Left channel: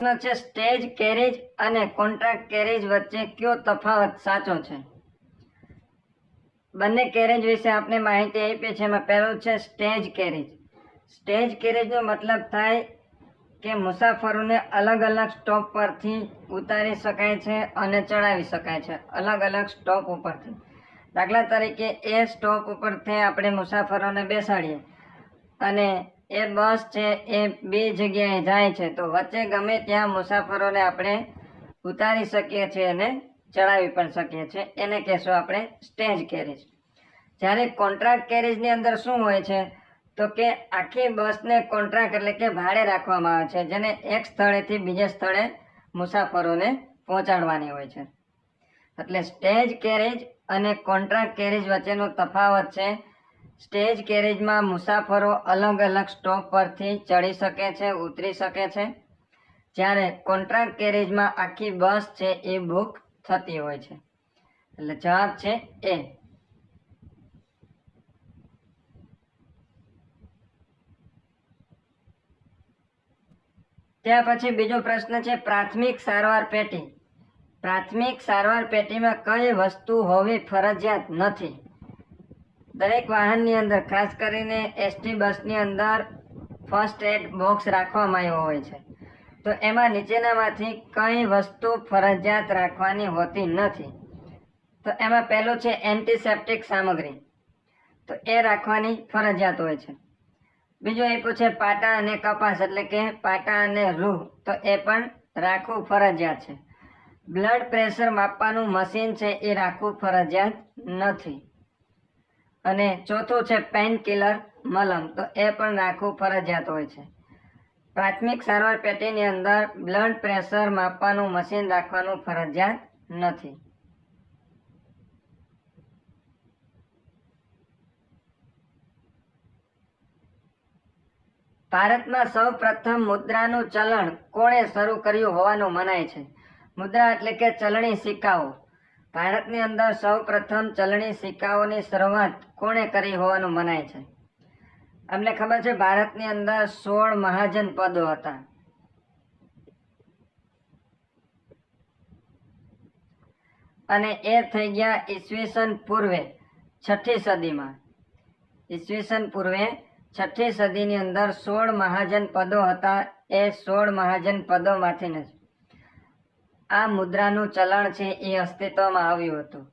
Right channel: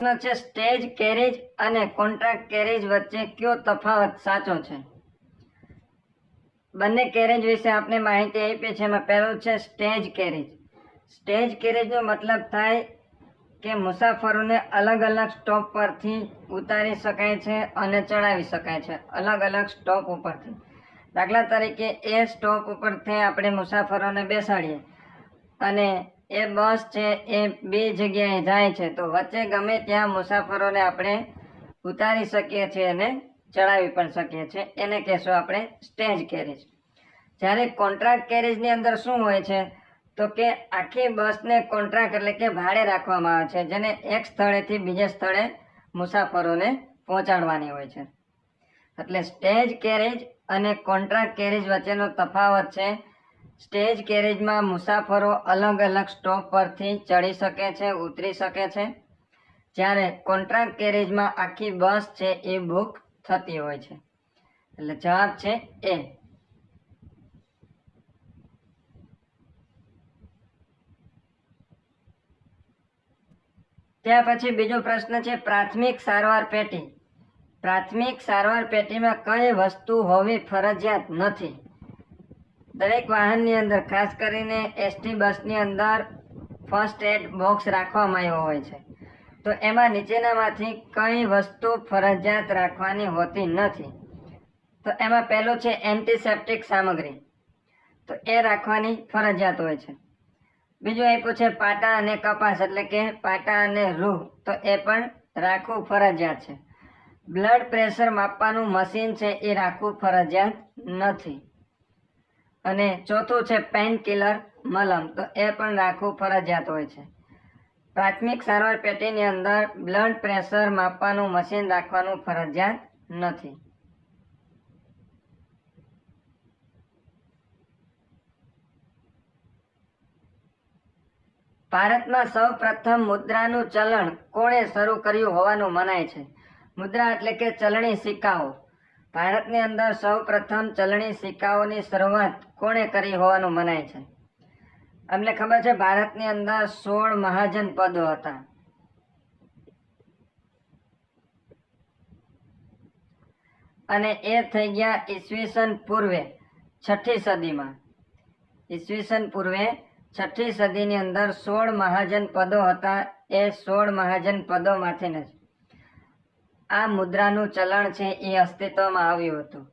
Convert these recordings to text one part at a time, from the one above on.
પ્રશ્ન છે stage carriage અને કોન્ટ્રાક્ટ કેરેજ વચ્ચે કયો તફાવત સાચો છે? બંને કેરેજ વિશે આપણે માહિતી આપી છે. એમાં પહેલું છે સ્ટેજ કેરેજ. સ્ટેજ કેરેજનો મતલબ થાય કે મુસાફરોને અલગ અલગ સ્ટોપ પરથી ઉતારી શકાય છે અને ચડાવી શકાય છે, અલગ અલગ સ્ટોપ ઉપરથી. દાખલા તરીકે એ સ્ટોપ ઉપરથી આપણે મુસાફરોને બેસાડીએ અને એ બસ છે એ બે જગ્યાએ જાય છે, તો વચ્ચે ગમે ત્યાં મુસાફરોને આપણે ઉતારી શકીએ છીએ અને ચડાવી પણ શકીએ છીએ. એને કહેશું આપણે સ્ટેજ કેરેજ. જ્યારે કોન્ટ્રાક્ટ કેરેજની અંદર શું હોય છે તો કે આખી બસને કોન્ટ્રાક્ટ એટલે કે ભાડે રાખવામાં આવે છે, જેને એક સ્થળેથી બીજા સ્થળે મુસાફરોને પહોંચાડવાની હોય છે. એટલે સ્ટેજ કેરેજ અને કોન્ટ્રાક્ટ કેરેજ વચ્ચેનો તફાવત છે સ્ટેજ કેરેજમાં મુસાફરો અલગ અલગ સ્ટોપ પરથી ચડી શકે છે, ઉતરી શકે છે, જ્યારે કોન્ટ્રાક્ટ કેરેજમાં આખી બસ છે એ બુક થતી હોય છે. એટલે જવાબ છે એ. ત્યાર પછી બીજો પ્રશ્ન છે પ્રાથમિક સારવાર પેટી. પ્રાથમિક સારવાર પેટીમાં કઈ વસ્તુ હોવી ફરજિયાત નથી? દરેક વાહનની અંદર, ખાસ કરીને એસટી બસની અંદર ફર્સ્ટ એડ બોક્સ રાખવામાં આવ્યો હોય છે. તો એમાં નીચેનામાંથી કઈ વસ્તુ ફરજિયાત રાખવાની હોતી નથી? તો એમાં પહેલું છે એન્ટિસેપ્ટિક સામગ્રી, તો એ રાખવાની ફરજિયાત હોય છે. બીજું આપ્યું છે પાટા અને કપાસ એટલે કે પાટા અને રૂ, તો એ પણ રાખવું ફરજિયાત છે. બ્લડ પ્રેશર માપવાનું મશીન છે એ રાખવું ફરજિયાત નથી. અને ચોથું છે પેઇન કિલર મલમ, તો એ પણ રાખવું ફરજિયાત હોય છે. પ્રાથમિક સારવાર પેટીની અંદર બ્લડ પ્રેશર માપવાનું મશીન રાખવાનું ફરજિયાત નથી. ભારતમાં સૌ પ્રથમ મુદ્રાનું ચલણ કોણે શરૂ કર્યું હોવાનું મનાય છે? મુદ્રા એટલે કે ચલણી સિક્કાઓ. ભારતની અંદર સૌ પ્રથમ ચલણી સિક્કાઓની શરૂઆત કોણે કરી હોવાનું મનાય છે? અમને ખબર છે ભારતની અંદર 16 મહાજન પદો હતા. અને એ થઈ ગયા ઈસવીસન પૂર્વે 6ઠી સદીમાં. ઈસવીસન પૂર્વે 6ઠી સદીની અંદર 16 મહાજન પદો હતા. એ 16 મહાજન પદોમાંથી આ મુદ્રાનું ચલણ છે એ અસ્તિત્વમાં આવ્યું હતું.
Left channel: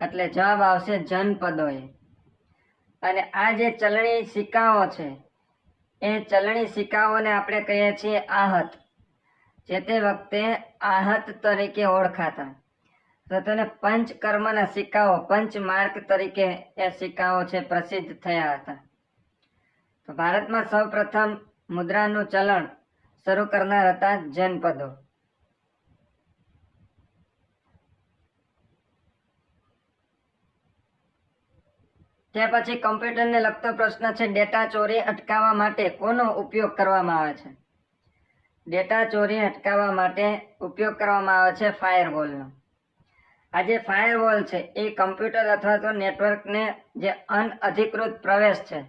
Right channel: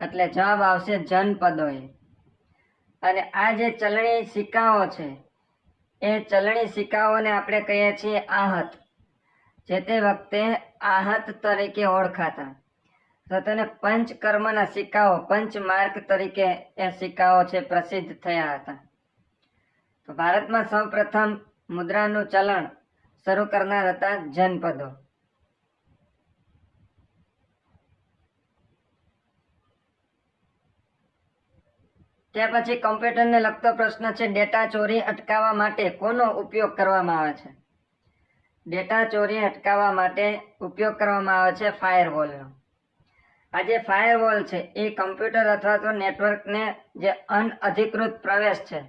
એટલે જવાબ આવશે જનપદોએ. અને આ જે ચલણી સિક્કાઓ છે એ ચલણી સિક્કાઓને આપણે કહીએ છીએ આહત. જે તે વખતે આહત તરીકે ઓળખાતા. તો તેને પંચકર્મના સિક્કાઓ, પંચમાર્ક તરીકે એ સિક્કાઓ છે પ્રસિદ્ધ થયા હતા. તો ભારતમાં સૌ પ્રથમ મુદ્રાનું ચલણ શરૂ કરનાર હતા જનપદો. ત્યાર પછી કમ્પ્યુટરને લગતો પ્રશ્ન છે ડેટા ચોરી અટકાવવા માટે કોનો ઉપયોગ કરવામાં આવે છે? ડેટા ચોરી અટકાવવા માટે ઉપયોગ કરવામાં આવે છે ફાયરવોલનો. આ જે ફાયરવોલ છે એ કમ્પ્યુટર અથવા તો નેટવર્કને જે અનઅધિકૃત પ્રવેશ છે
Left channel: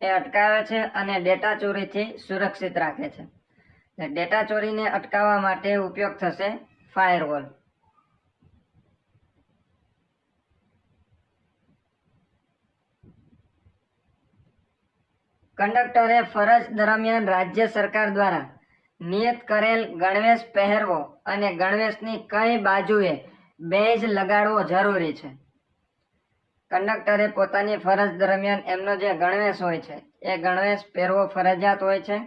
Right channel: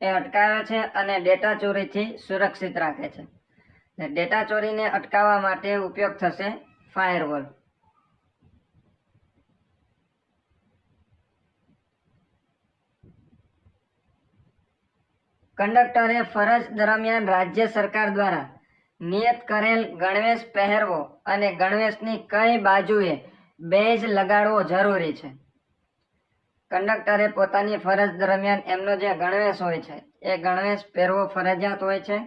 એ અટકાવે છે અને ડેટા ચોરીથી સુરક્ષિત રાખે છે. ડેટા ચોરીને અટકાવવા માટે ઉપયોગ થશે ફાયરવોલ. કંડક્ટરે ફરજ દરમિયાન રાજ્ય સરકાર દ્વારા નિયત કરેલ ગણવેશ પહેરવો અને ગણવેશની કઈ બાજુએ બેઝ લગાડવો જરૂરી છે? કંડક્ટરે પોતાની ફરજ દરમિયાન એમનો જે ગણવેશ હોય છે એ ગણવેશ પહેરવો ફરજિયાત હોય છે.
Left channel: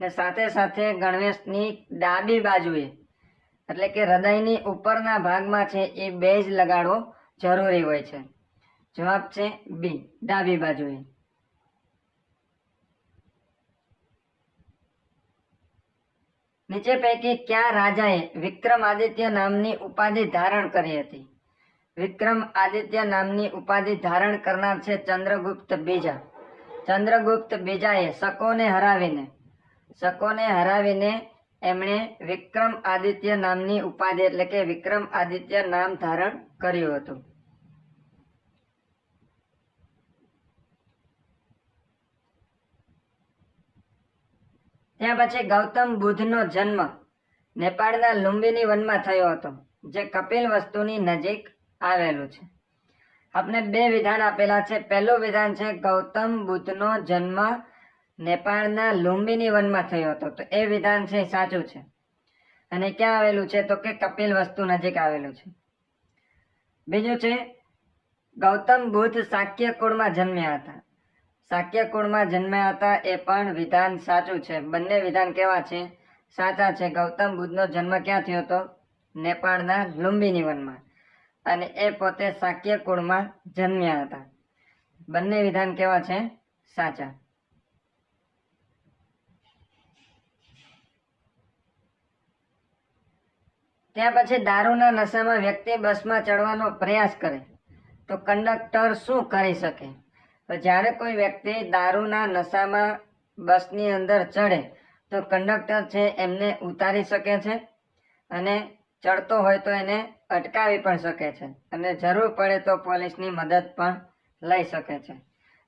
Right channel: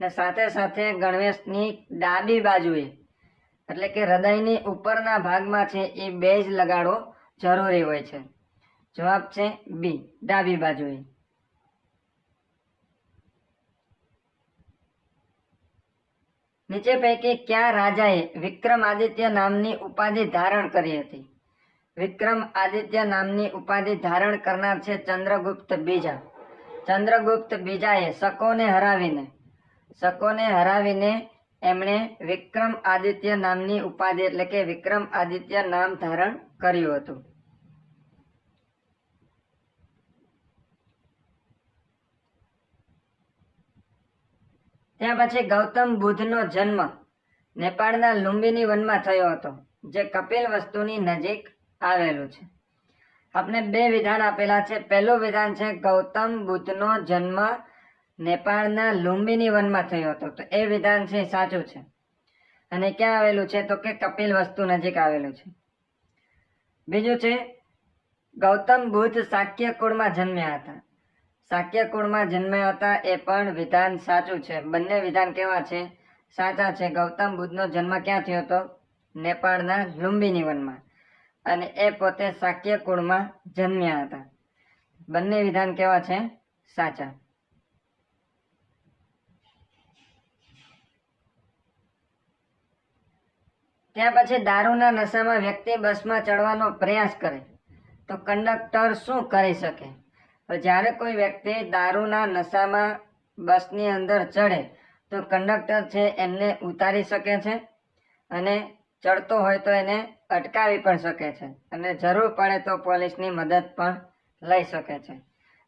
ને સાથે સાથે ગણવેશની ડાબી બાજુએ એટલે કે હૃદયની ઉપરના ભાગમાં છે એ બેઝ લગાડવો જરૂરી હોય છે. જવાબ છે બી, ડાબી બાજુએ. નીચે પૈકી કયા રાજાએ વિક્રમાદિત્ય નામની ઉપાધિ ધારણ કરી હતી? વિક્રમાદિત્ય નામની ઉપાધિ ધારણ કરનાર છે ચંદ્રગુપ્ત બીજા. ચંદ્રગુપ્ત બીજાએ શકોને હરાવીને એમણે વિક્રમાદિત્ય નામની ઉપાધિ એટલે કે વિક્રમાદિત્ય નામ ધારણ કર્યું હતું. ત્યાર પછી ગૌતમ બુદ્ધનો જન્મ નેપાળના લુંબિની વનમાં થયો હતો, જે કપિલ વસ્તુની નજીક આવેલું છે. આપણે બે વિધાન આપેલા છે. પહેલું વિધાન છે ગૌતમ બુદ્ધનો જન્મ નેપાળના લુંબિની વનમાં થયો હતો, તો એ વિધાન છે સાચું છે. અને ક્યાં આવેલું છે? તો કે કપિલ વસ્તુ નજીક આવેલું છે. બીજું છે ગૌતમ બુદ્ધ શાક્ય કુળમાં જન્મ્યા હતા. શાક્ય કુળમાં જન્મ્યા હતા, એ પણ વિધાન સાચું છે. બંને વિધાન કેવા છે? સાચા છે. ગૌતમ બુદ્ધનો જન્મ ક્યાં થયો હતો? નેપાળના લુંબિની વનમાં. અને એ પોતે શાક્ય કુળમાં જન્મ્યા હતા. બંને વિધાન કેવા છે? સાચા. ત્યાં પછી દારૂના નશામાં વ્યક્તિ બસમાં ચડવાનો પ્રયાસ કરે તો કંડક્ટર શું કરી શકે? તો જ્યારે કોઈ વ્યક્તિ દારૂના નશામાં બસની અંદર ચડે તો કંડક્ટર છે એમને ઉતારી શકે છે, અને ચડતો હોય તો એને અટકાવી પણ શકે છે, અને જરૂર પડે તો પોલીસની મદદ પણ લઈ શકે છે.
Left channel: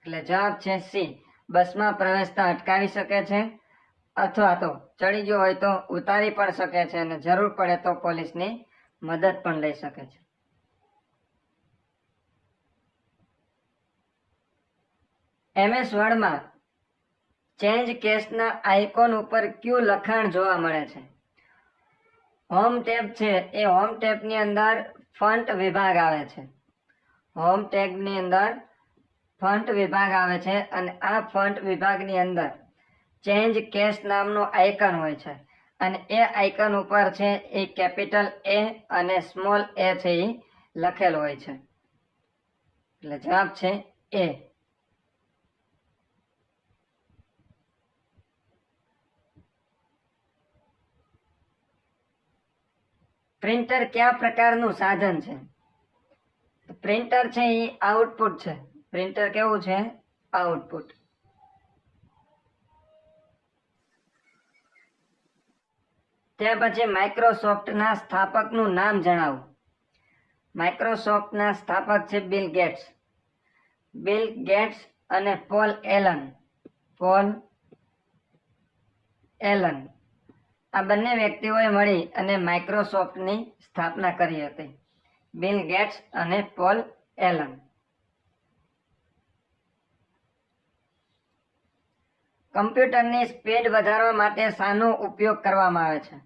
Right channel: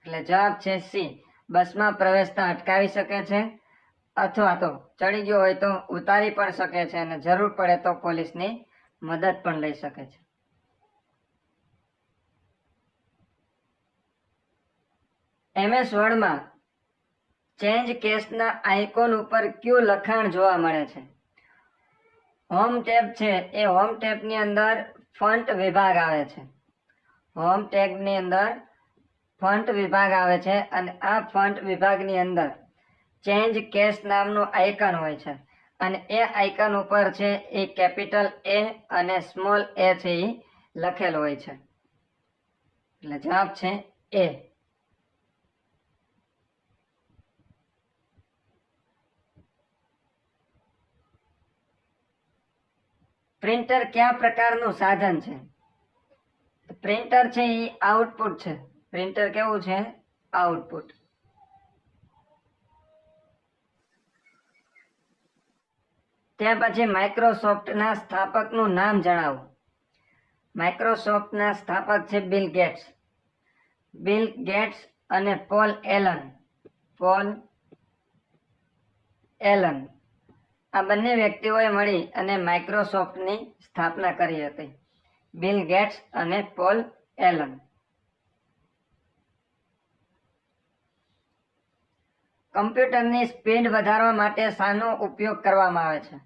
એટલે જવાબ છે સી, બસમાં પ્રવેશતા અટકાવી શકે છે, અથવા તો ચડી ગયો હોય તો ઉતારી પણ શકે છે, અને જરૂર પડે તો પોલીસની મદદ પણ લઈ શકે છે. MS વર્ડમાં ચેન્જ કેસના આઇકોન ઉપર કયું લખાણ જોવા મળે છે? હોમ ટેબ છે એ હોમ ટેબની અંદર ફન્ટ વિભાગ આવે છે. હોમ ટેબની અંદર ફન્ટ વિભાગ આવે છે, અને આ ફન્ટ વિભાગની અંદર ચેન્જ કેસ નામનું આઇકન હોય છે, અને એ આઇકન ઉપર છે એ કેપિટલ A અને સ્મોલ a છે એ લખેલ હોય છે. એટલે જવાબ છે A. પ્રિન્ટર કયા પ્રકારનું સાધન છે? પ્રિન્ટર છે એ આઉટપુટ છે. પ્રિન્ટર કેવું છે? આઉટપુટ. ત્યાર પછી માઇક્રોસોફ્ટના સ્થાપકનું નામ જણાવો. માઇક્રોસોફ્ટના સ્થાપક છે બિલ ગેટ્સ. બિલ ગેટ્સ અને પોલ એલન. પોલ એલન આ બંને વ્યક્તિઓએ મળી અને માઇક્રોસોફ્ટની સ્થાપના કરી હતી. બિલ ગેટ્સ અને પોલ એલન. કમ્પ્યુટરની સ્પીડ વધારવા માટે શાનો ઉપયોગ કરવામાં આવે છે?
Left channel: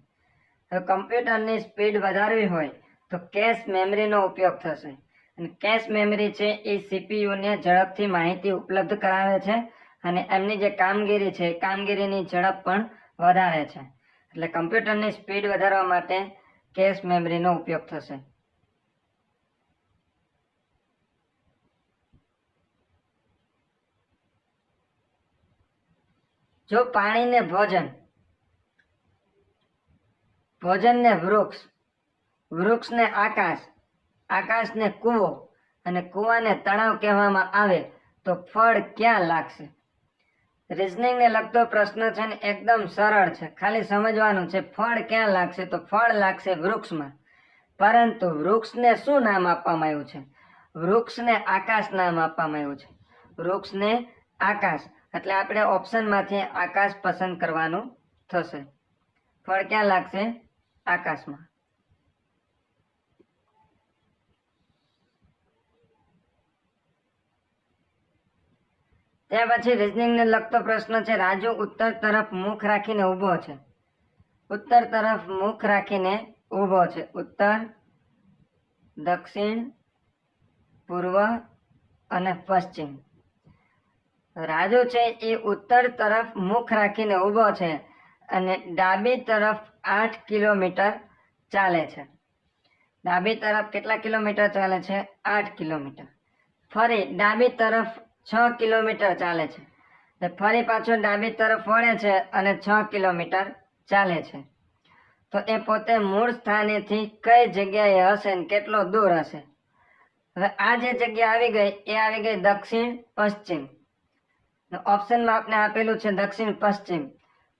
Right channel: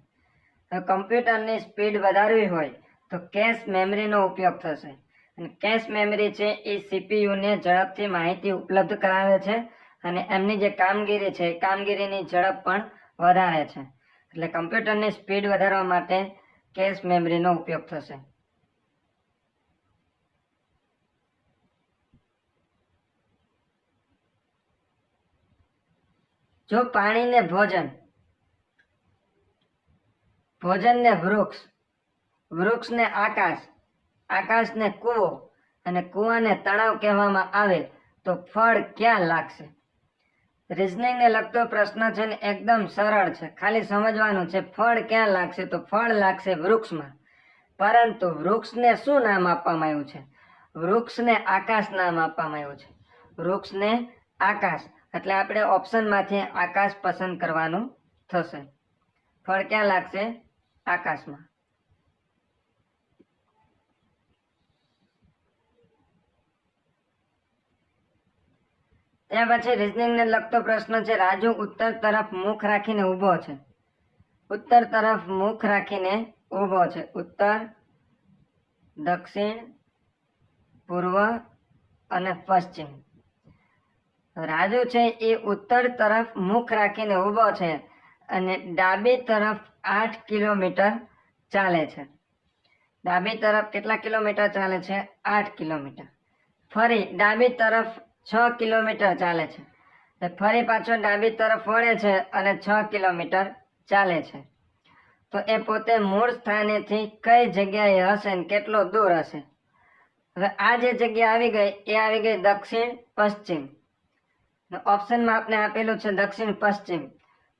કમ્પ્યુટરની સ્પીડ વધારવી હોય તો કેશ મેમરીનો ઉપયોગ થશે. અને કેશ મેમરી છે એ સીપીયુને ઝડપથી માહિતી ઉપલબ્ધ કરાવે છે, અને એમની જે કામગીરી છે એ કામગીરીની ઝડપ પણ વધારે છે. એટલે કમ્પ્યુટરની સ્પીડ વધારવા માટે કેશ મેમરીનો ઉપયોગ થશે. જો પાણીને ભોજન, ભોજનને વૃક્ષ, વૃક્ષને આકાશ, આકાશને કૂવો અને કૂવાને તળાવ કહેવામાં આવે તો ફળ ક્યાં લાગશે? રિઝનિંગને લગતો પ્રશ્ન છે ને એકદમ સરળ છે, ખાલી સમજવાનું છે. ફળ ક્યાં લાગશે? તો ફળ લાગશે વૃક્ષમાં. પરંતુ વૃક્ષને શું નામ આપવામાં આવ્યું છે? વૃક્ષને આકાશ નામ આપવામાં આવ્યું છે. વૃક્ષને આકાશ. એટલે આપણે ઓપ્શનમાંથી આકાશ પસંદ કરવાનું થશે. ફળ ક્યાં લાગશે? આકાશમાં. ત્યાર પછી રિઝનિંગને લગતો પ્રશ્ન છે. રાજુ ઉત્તર તરફ મુખ રાખીને ઊભો છે. ઉત્તર તરફ મુખ રાખીને ઊભો છે. ઉત્તર, દક્ષિણ, પૂર્વ અને પશ્ચિમ. રાજુ છે એ ઉત્તર તરફ મુખ રાખીને ઊભો છે, અને ડાબી તરફ 8 કિલોમીટર ચાલે છે. ડાબી તરફ કેટલા કિલોમીટર ચાલે છે? 8 કિલોમીટર. ફરી ડાબી તરફ 6 કિલોમીટર ચાલે છે. ફરી પાછો ડાબી તરફ વળે છે અને 6 કિલોમીટર ચાલે છે. તો એ પોતે મૂળ સ્થાનેથી કઈ જગ્યાએ હશે ને કેટલો દૂર હશે? હવે આ જે જગ્યા આવી ગઈ એ આવી ગઈ દક્ષિણ પશ્ચિમ. ઓપ્શનમાં આપણે આપેલું છે દક્ષિણ પશ્ચિમ,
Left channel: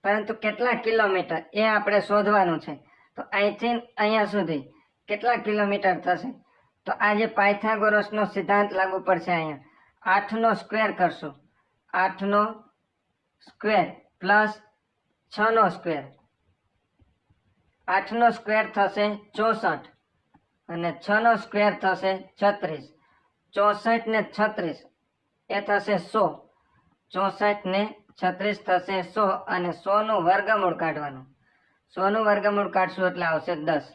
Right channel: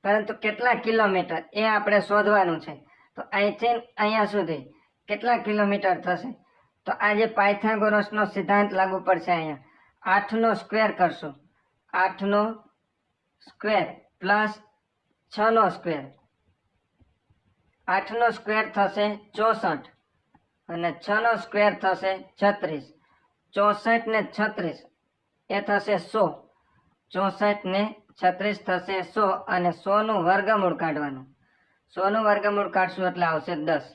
પરંતુ કેટલા કિલોમીટર એ આપણે શોધવાનું છે. તો અહીંથી અહીંયા સુધી કેટલા કિલોમીટર થશે? તો આ જે પાયથાગોરસનો સિદ્ધાંત લાગુ પડશે. અહીંયા 8 નો સ્ક્વેર કરશો, 8 નો સ્ક્વેર પ્લસ 6 નો સ્ક્વેર, 8નો સ્ક્વેર થશે 64 અને 6નો સ્ક્વેર થશે 36. 64 ને 36 એ થશે 100. 64 ને 36 થશે 100 અને 100 નું વર્ગમૂળ કાઢવાનું. 100 નું વર્ગમૂળ કાઢશું એટલે આવશે 10.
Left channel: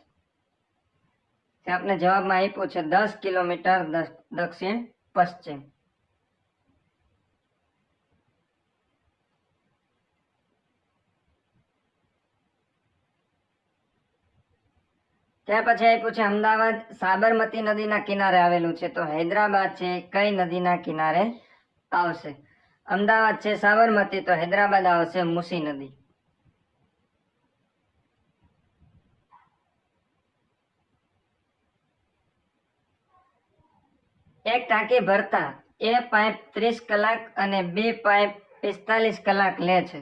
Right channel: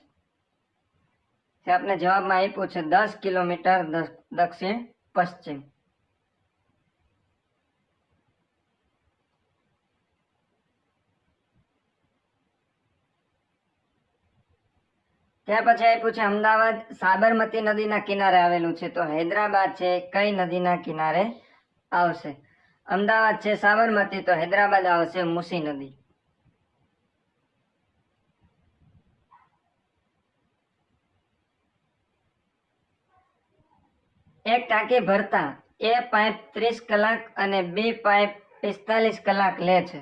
આપને જવાબમાં આપ્યું છે 10 કિલોમીટર દક્ષિણ પશ્ચિમ. ત્યાર પછી આપ્યું છે અમદાવાદ સાબરમતી નદીના કિનારે આવેલું છે. તો હૈદરાબાદ છે કઈ નદીના કિનારે આવશે? અમદાવાદ છે સાબરમતી, તો હૈદરાબાદ આવશે મૂસી નદી. એક ટાંકી ભરતા એ પાઇપ 30 કલાક અને બી પાઇપ 45 કલાક લે છે.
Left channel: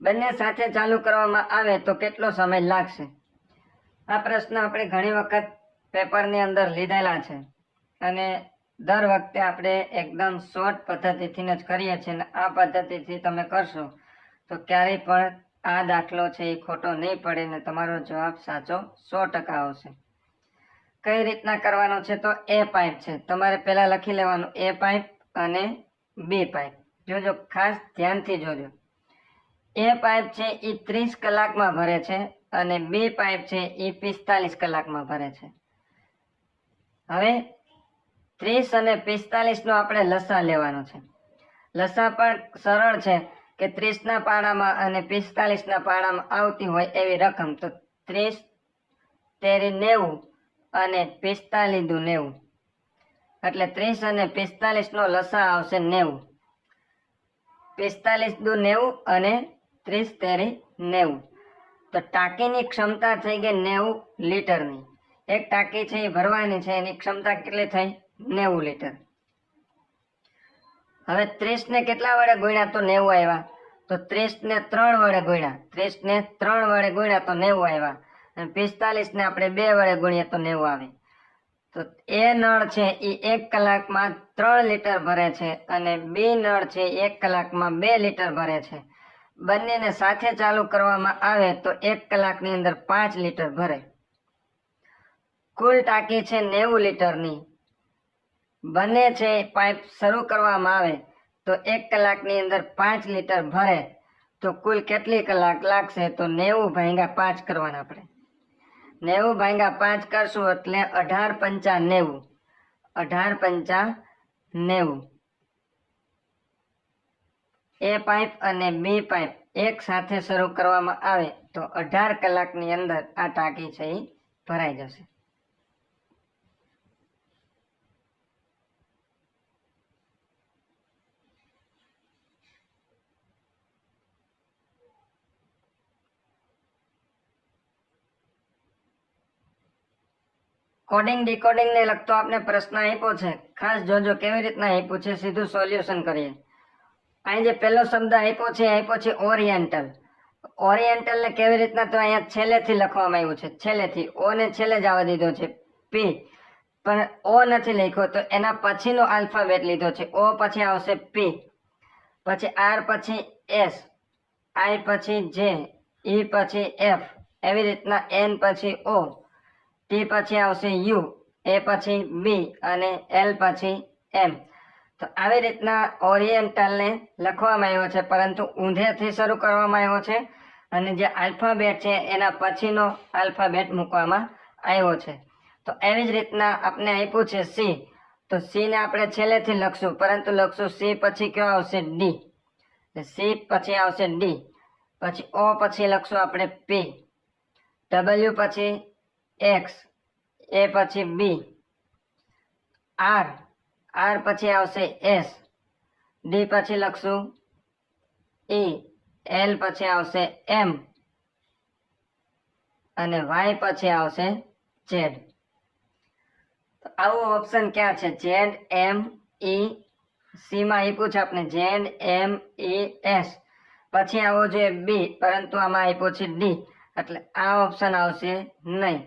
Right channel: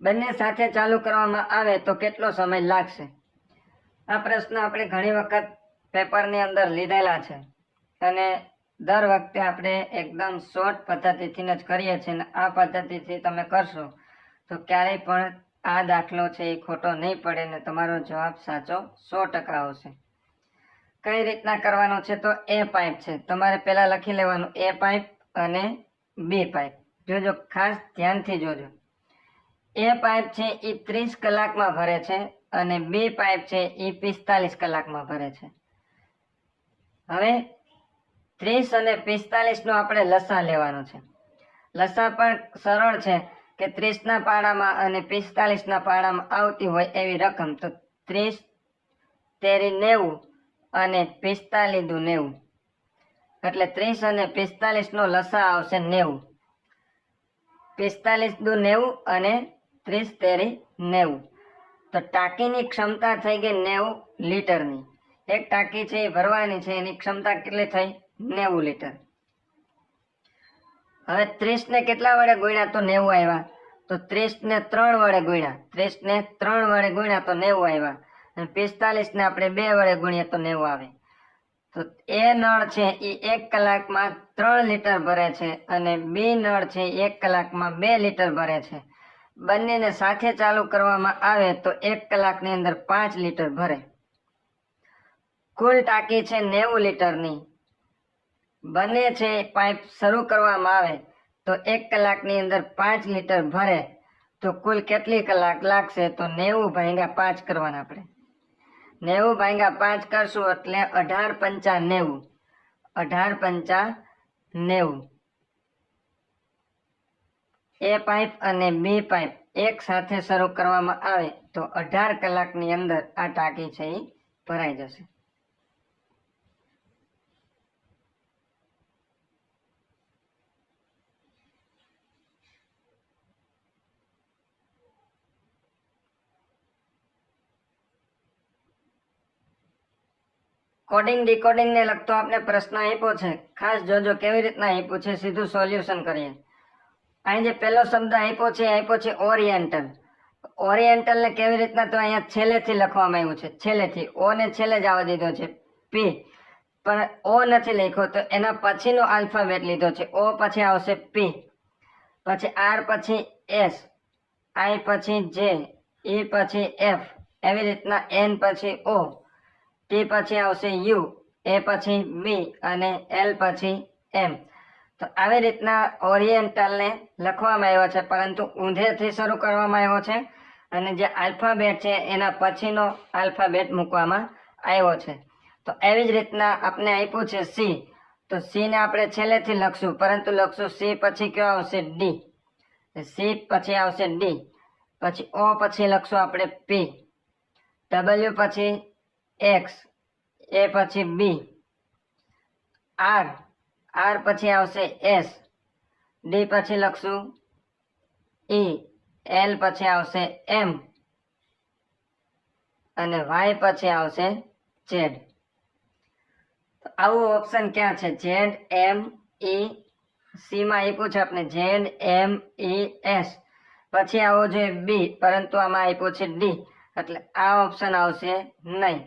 બંને સાથે ચાલુ કરવામાં આવે તો કેટલો સમય લાગશે? આ પ્રશ્ન આપણે ઘણી વખત પેપરની અંદર લીધેલા છે અને દર વખતે આપણે એકદમ શોર્ટ પદ્ધતિથી જ કરીએ છીએ અને આ પદ્ધતિથી તમે કરશો તો ક્યારેય પણ આ દાખલો છે એ ખોટો નહીં પડે ને તમારો જવાબ સાચો 100% આવશે. કઈ રીતના કરવાનો છે? તો એ પાઇપ છે, તમારે પહેલા લખી લેવાનું એ પાઇપ અને બી પાઇપ. જોજો, ખાસ ધ્યાનથી જોજો. એ પાઇપ છે એ 30 કલાકમાં ભરે છે અને બી પાઇપ છે એ 45 કલાકમાં ભરે છે. હવે 30 અને 45 નો આપણે લસા લેવાનો છે. લસા પણ સરળ છે કે 30 ના પાડામાં અને 45 ના પાડામાં આવતી હોય એવી રકમ. તો 30 તેરી 90 અને 45 દુ 90, એટલે 30 અને 45 નો લસા આવશે 90. 45 દુ 90 અને 30 તેરી 90. તો ટાંકીની ક્ષમતા થઈ ગઈ 90 લીટરની. એક ટાંકી છે એ ભરવાની છે, એની ક્ષમતા કેટલી થઈ? 90 લીટર. હવે 30 ને કેટલા વડે ગુણ્યા તો 90 આવ્યા. તો 30 ને 3 વડે ગુણ્યા, 30 ને 3 વડે ગુણ્યા તો 90 આવ્યા અને 45 ને આપણે 2 વડે ગુણ્યા તો 90 આવે. તો એ નળ છે એ 1 કલાકમાં 3 લીટર ભરે છે અને બી નળ છે 1 કલાકમાં 2 લીટર ભરે છે. બંનેને સાથે ચાલુ કરવામાં આવે તો 1 કલાકની અંદર 5 લીટર ભરે. કુલ ટાંકી છે 90 લીટરની. બંને છે પાઇપ શરૂ કરવામાં આવે તો 1 કલાકની અંદર 5 લીટર ભરે તો કુલ કેટલી કલાક લાગશે? તો 90 ભાગ્યા 5 કરવાના આપણે. 90 ભાગ્યા 5 કરશું એટલે 18 પંચા 90. 18 પંચા 90. એ પાઇપ અને બી પાઇપ એક સાથે શરૂ કરવામાં આવે તો 18 કલાકની અંદર આ ટાંકી છે એ ભરાઈ જશે. કોડિંગ ડીકોડિંગ ને લગતો આપણે પ્રશ્ન આપ્યો છે. ખાસ જોજો કેવી રીતના આપ્યું છે, સીધું સોલ્યુશન કરીએ. અહીં જે પહેલો શબ્દ આપ્યો છે ઓરિએન્ટલ. ઓરિએન્ટલ ને કેવી રીતના? તો અહીંયા છેલ્લેથી લખવામાં આવ્યું છે, છેલ્લેથી. ઓ ને છેલ્લે જ આવવા દીધો છે પી, પણ ઓ નથી લખ્યો તો એના પછીનો આલ્ફાબેટ લીધો છે. ઓ પછી આવશે પી, પછી આર પછી એસ, આઈ પછી જે, ઈ પછી એફ, એવી રીતના એન પછી ઓ, ટી પછી આવશે યુ, એ પછી બી અને એલ પછી એમ. તો આવી રીતના ઓરિએન્ટલને લખવામાં આવ્યો છે, પરંતુ ઊંધેથી શરૂ કરવામાં આવ્યો છે અને જે આલ્ફાબેટ છે એના પછીનો આલ્ફાબેટ મૂકવામાં આવ્યો છે. તો એવી જ રીતના આપણે આપ્યું છે સી. તો સી ને આપણે છેલ્લેથી લખશું, પરંતુ લખશું સી પછી કયો આવશે? ડી. સી પછી આવશે ડી, પછી ઓ પછી લખશું આપણે પી, ડબલ્યુ પછી એક્સ, એ પછી બી, આર, આર પછી આવશે એસ, ડી પછી લખશું ઈ, એલ પછી આવશે એમ અને વાય પછી આવશે ઝેડ. આવું ઓપ્શન ક્યાં છે? ઝેડ એમ ઈ, સી માં આપ્યું છે આપણે ઝેડ એમ ઈ એસ, પછી આવો જોઈએ બી, પરંતુ આમાં આપ્યું છે ડી, એટલે આ ઓપ્શન આવશે નહીં.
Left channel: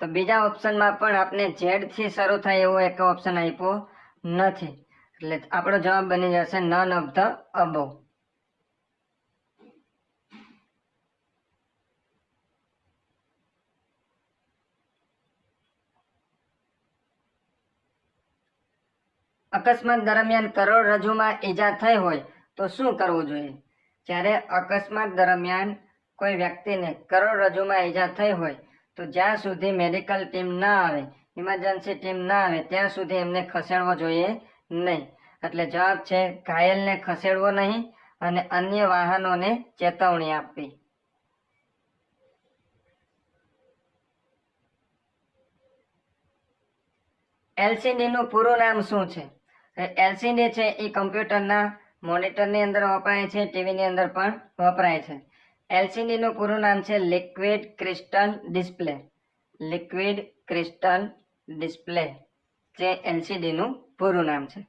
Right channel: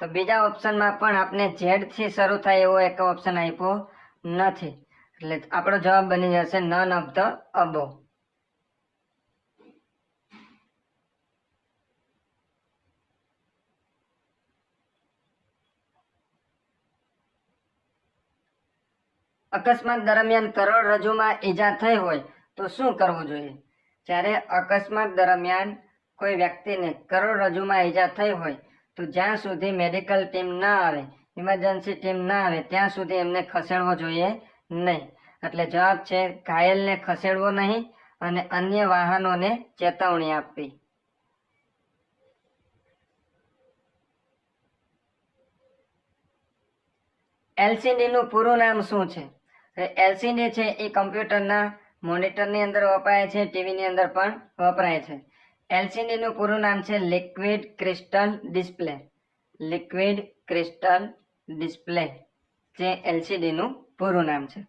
તો બીજા ઓપ્શનમાં પણ આપણે ઝેડ થી શરૂ થાય એવો એક ઓપ્શન આપ્યો નથી, એટલે આપણો જવાબ બની જશે નન ઓફ ધ અબોવ. અકસ્માત દરમિયાન કરોડરજ્જુમાં ઈજા થઈ હોય તો શું કરવું જોઈએ? જ્યારે અકસ્માત દરમિયાન કોઈ વ્યક્તિને કરોડરજ્જુમાં ઈજા થઈ હોય તો જ્યાં સુધી મેડિકલ ટીમ ના આવે, ઇમરજન્સી ટીમ ના આવે ત્યાં સુધી એમને ખસેડવો જોઈએ નહીં. એટલે જવાબ છે ઘાયલને ખસેડવો નહીં અને અન્ય વાહનોને ચેતવણી આપવી. એલસીડી નું પૂરું નામ શું છે? એલસીડી છે એ કમ્પ્યુટરના મોનિટરની અંદર વપરાય છે, ટીવીની અંદર પણ વપરાય છે. એલસીડી નું પૂરું નામ છે liquid crystal display. Liquid crystal display જે એલસીડી નું પૂરું નામ છે.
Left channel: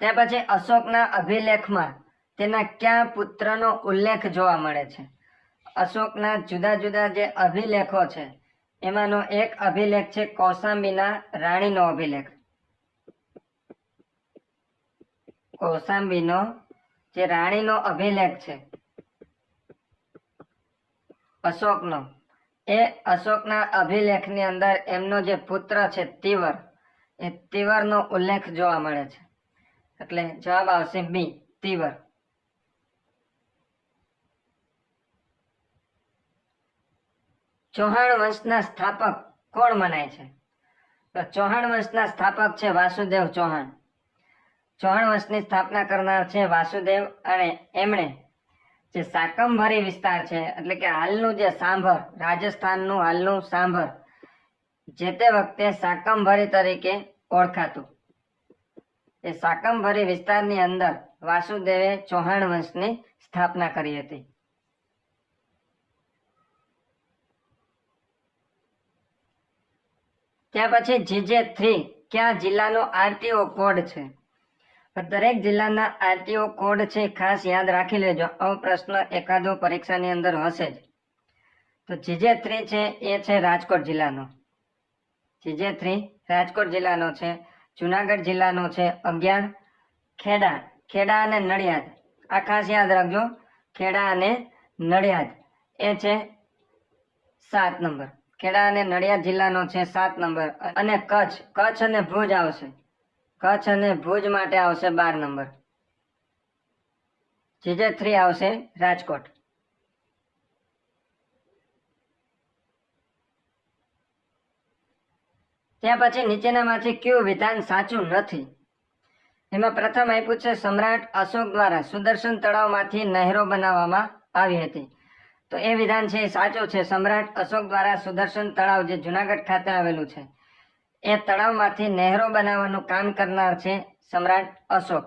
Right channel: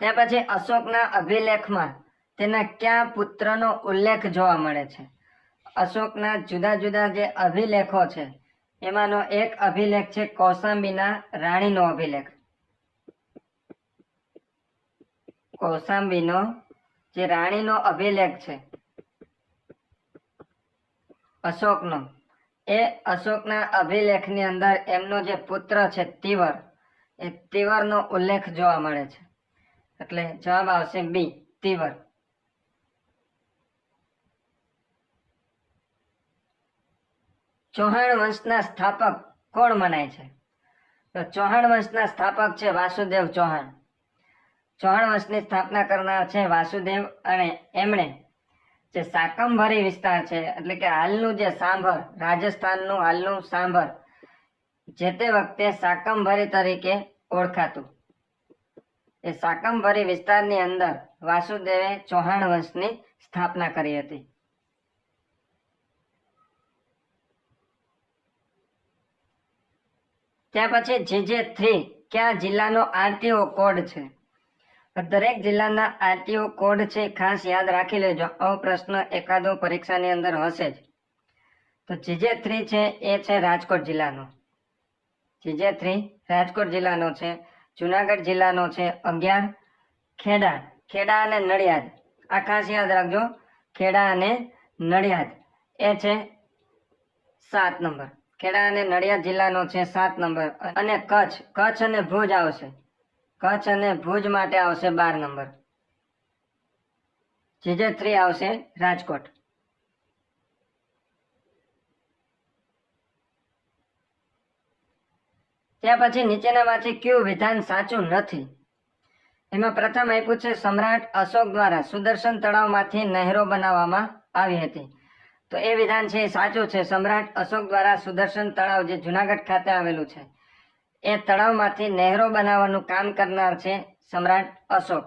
ત્યાર પછી અશોકના અભિલેખમાં તેના કયા પુત્રનો ઉલ્લેખ જોવા મળે છે? અશોકના જુદા જુદા જે અભિલેખો છે એમાંનો એક અભિલેખ છે કૌશાંબીના રાણીનો અભિલેખ. કૌશાંબીનો જે રાણીનો અભિલેખ છે અશોકનો, એ અશોકના અભિલેખની અંદર એમનો જે પુત્ર છે તિવર, એ તિવરનો ઉલ્લેખ જોવા મળે છે. એટલે જવાબ આવશે બી, તિવર. ચૌહાણ વંશના સ્થાપક કોણ મનાય છે? તો ચૌહાણ વંશના સ્થાપક છે વાસુદેવ ચૌહાણ. ચૌહાણ વંશની સ્થાપના કરનાર છે વાસુદેવ, અને એમણે જે શાકંભરી વિસ્તાર છે એટલે કે હાલનું જે સાંભર, રાજસ્થાનનું હાલનું સાંભર, જે તે વખતે શાકંભરી તરીકે ઓળખાતું, એ શાકંભરી વિસ્તારની અંદર વાસુદેવે ચૌહાણ વંશની સ્થાપના કરી હતી. ત્યાર પછી GJ3 કયા જિલ્લાનો આરટીઓ કોડ છે? દરેક જિલ્લાના આરટીઓ કોડ છે, ખાસ યાદ રાખી લેજો. આવો પ્રશ્ન એકાદો પરીક્ષાની અંદર હશે જ. તો GJ3 છે એ છે રાજકોટ જિલ્લાનો. GJ3 રાજકોટ જિલ્લાનો છે. જુનાગઢ જિલ્લાનો છે 11. ખેડા અને નડિયાદ, આ ખાસ યાદ રાખજો. ખેડા અને નડિયાદ એ છે 7 નંબર. ખેડા અને નડિયાદ જિલ્લાનો છે 7 નંબર. અને કચ્છ અને ભુજ આવશે. કચ્છ અને ભુજ માટે આવશે 12 નંબર. GJ3 આવશે રાજકોટ. ત્યાર પછી નીચેનામાંથી કયું વિધાન સાચું નથી? એમાં પ્રથમ આપ્યું છે સમ્રાટ અશોક દ્વારા સુદર્શન તળાવમાંથી નહેરો બનાવવામાં આવી હતી. તો એ વિધાન છે એ સાચું છે. સમ્રાટ અશોક દ્વારા સુદર્શન તળાવ જે જુનાગઢ ખાતે આવેલું છે એ તળાવમાંથી નહેરો બનાવવાનું કામ કરનાર છે સમ્રાટ અશોક.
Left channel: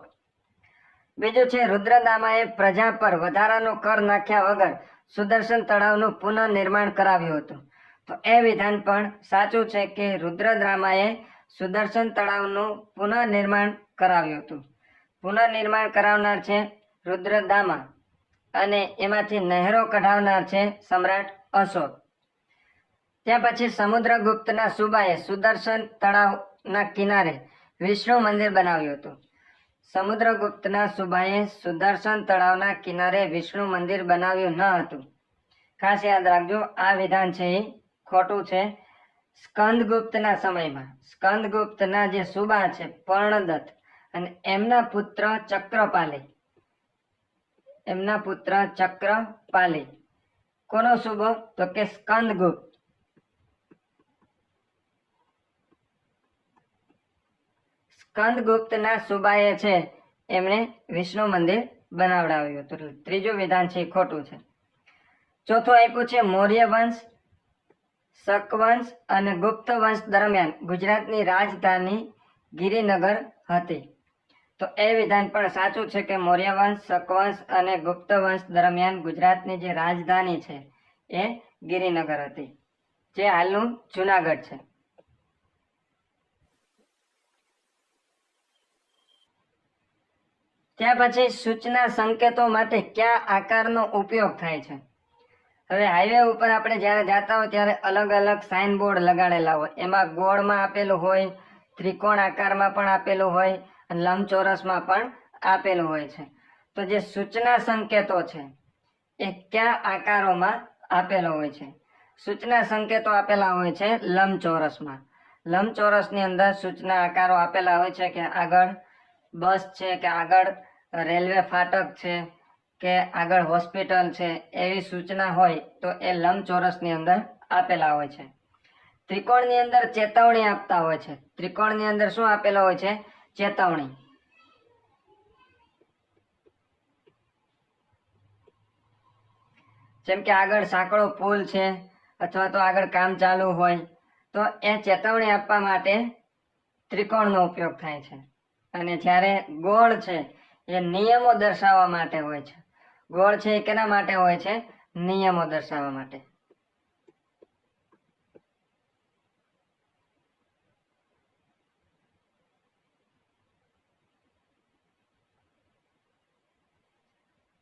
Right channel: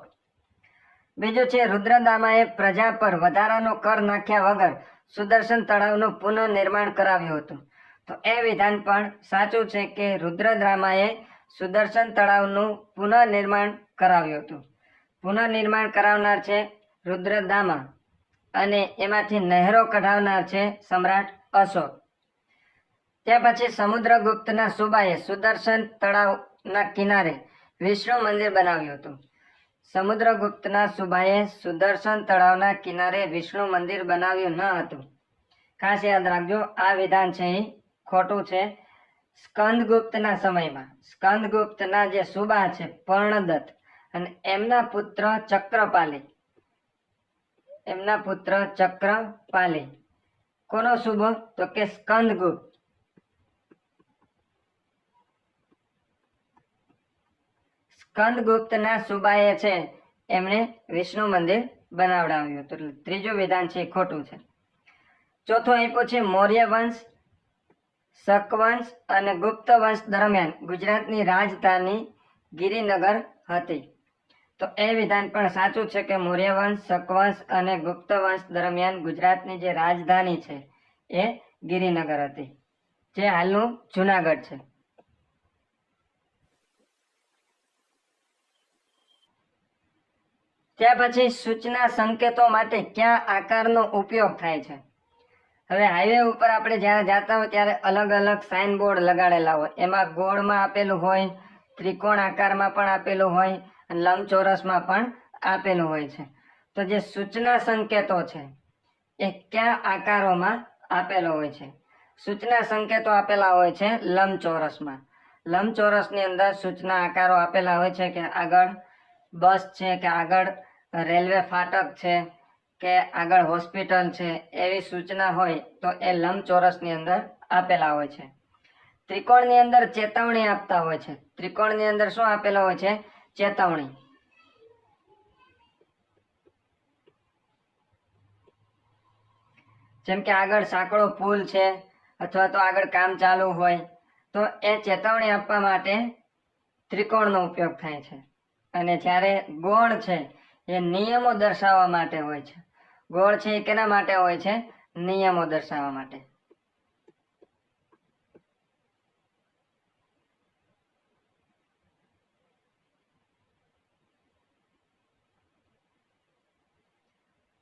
બીજું છે રુદ્રદામાએ પ્રજા પર વધારાનો કર નાખ્યા વગર સુદર્શન તળાવનું પુનઃનિર્માણ કરાવ્યું હતું. તો એ વિધાન પણ સાચું છે કે રુદ્રદામાએ સુદર્શન તળાવનું પુનઃનિર્માણ કરાવ્યું હતું. પુનઃનિર્માણ કરાવનાર છે રુદ્રદામા અને એમાંથી નહેરો કઢાવનાર છે સમ્રાટ અશોક. ત્યાર પછી સમુદ્રગુપ્તના સુબાએ સુદર્શન તળાવના કિનારે વિષ્ણુ મંદિર બનાવ્યું હતું. સમુદ્રગુપ્તના સુબાએ સુદર્શન તળાવના કિનારે વિષ્ણુ મંદિર બનાવ્યું ન હતું. ખાસ યાદ રાખજો, આ વિધાન છે એ ખોટું છે. સ્કંદગુપ્તના સમયમાં સ્કંદગુપ્તના જે સુબા છે પર્ણદત્ત અને એમના પુત્ર ચક્રપાલી, કોનો સુબો? તો કે સ્કંદગુપ્ત. સ્કંદગુપ્તના સુબાએ છે એમણે વિષ્ણુ મંદિર બનાવડાવ્યું હતું. એટલે ત્રીજું વિધાન છે એ ખોટું છે. ચોથું આપ્યું છે મૌર્ય વંશ, શક વંશ અને ગુપ્ત વંશ દરમિયાન ગુજરાતની રાજધાની ગિરિનગર હતી. તો એ વિધાન પણ સાચું છે કે મૌર્ય વંશ, શક વંશ અને ગુપ્ત વંશ દરમિયાન ગુજરાતની જે રાજધાની છે એ ગિરિનગર હતી, જે હાલનું જુનાગઢ છે. ત્યાર પછી સૂચના સંકેતો માટે કયા આકારનો ઉપયોગ થાય છે? હવે હાઈવે ઉપર આપણે જ્યારે જતા હોય ત્યારે અલગ અલગ સાઇન બોર્ડ લગાડેલા હોય. એમાં ગોળમાં આપેલું હોય, ત્રિકોણ આકારમાં પણ આપેલું હોય અને લંબચોરસમાં પણ આપેલું હોય છે. તો જે સૂચના સંકેતો છે એ કયા આકારોમાં આપેલો હોય છે? સૂચના સંકેતો આપેલા હોય છે લંબચોરસમાં. લંબચોરસની અંદર સૂચના આકારો આપેલા હોય છે કે આગળ બસ છે, કે આગળ રેલવે ફાટક છે, કે આગળ હોસ્પિટલ છે, એવી સૂચના હોય તો એ લંબચોરસની અંદર આપેલા હોય છે. ત્રિકોણની અંદર ચેતવણી આપતા હોય છે. ત્રિકોણની અંદર શું આપેલો હોય છે? ચેતવણી. જેમ કે આગળ સાંકડો પુલ છે અથવા તો આગળ કામ ચાલુ હોય તો એ ચેતવણી આપવા માટે ત્રિકોણનો ઉપયોગ થાય છે. અને જ્યારે ગોળ છે એ નિયમો દર્શાવવા માટે હોય છે. ગોળ છે એ કેના માટે હોય છે? નિયમો દર્શાવવા માટે.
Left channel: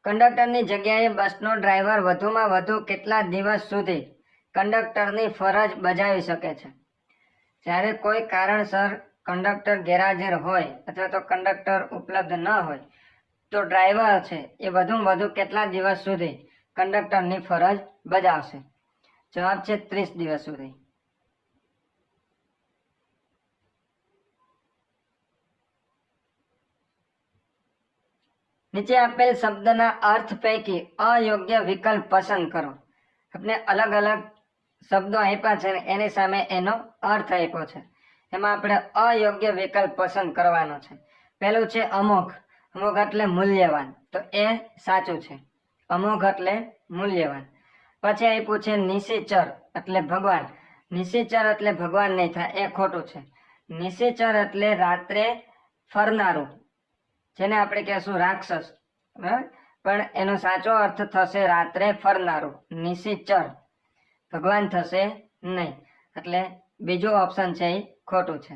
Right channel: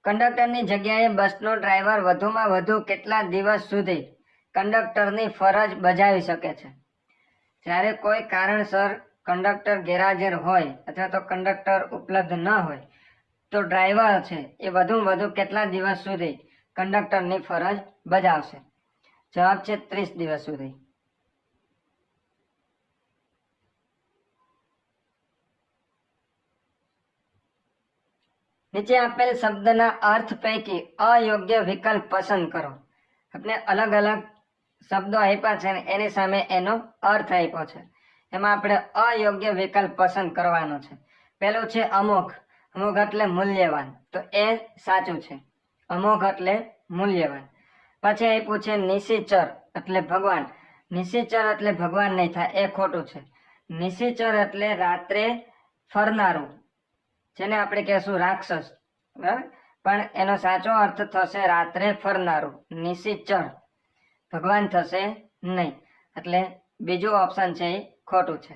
કંડક્ટરની જગ્યાએ બસનો ડ્રાઈવર વધુમાં વધુ કેટલા દિવસ સુધી કંડક્ટરની ફરજ બજાવી શકે છે? જ્યારે કોઈ કારણસર કંડક્ટર ગેરહાજર હોય અથવા તો કંડક્ટર ઉપલબ્ધ ન હોય તો ડ્રાઈવર છે એ વધુમાં વધુ કેટલા દિવસ સુધી કંડક્ટરની ફરજ બજાવશે? જવાબ છે 30 દિવસ સુધી. નીચે આપેલ શબ્દના અર્થ પૈકી અયોગ્ય વિકલ્પ પસંદ કરો. આપણે અલગ અલગ શબ્દો આપ્યા છે ને એની સામે એનો અર્થ આપ્યો છે. એમાં આપણે અયોગ્ય વિકલ્પ પસંદ કરવાનો છે. પહેલું છે અમોઘ. અમોઘ એટલે મૂલ્યવાન, તો એ સાચું છે. અમોઘ એટલે મૂલ્યવાન. પછી આપ્યું છે નિશિચર એટલે ભગવાન. નિશિચર એટલે ભગવાન નહીં થાય, એ ખોટું છે. નિશિચર એટલે રાત્રે ફરનારું, જેને આપણે કહેશું રાક્ષસ, બરાબર? પણ એનો સાચો અર્થ થશે રાત્રે ફરનારું. નિશિચર ભગવાન થશે નહીં, એટલે બીજું ઓપ્શન છે એ ખોટું છે.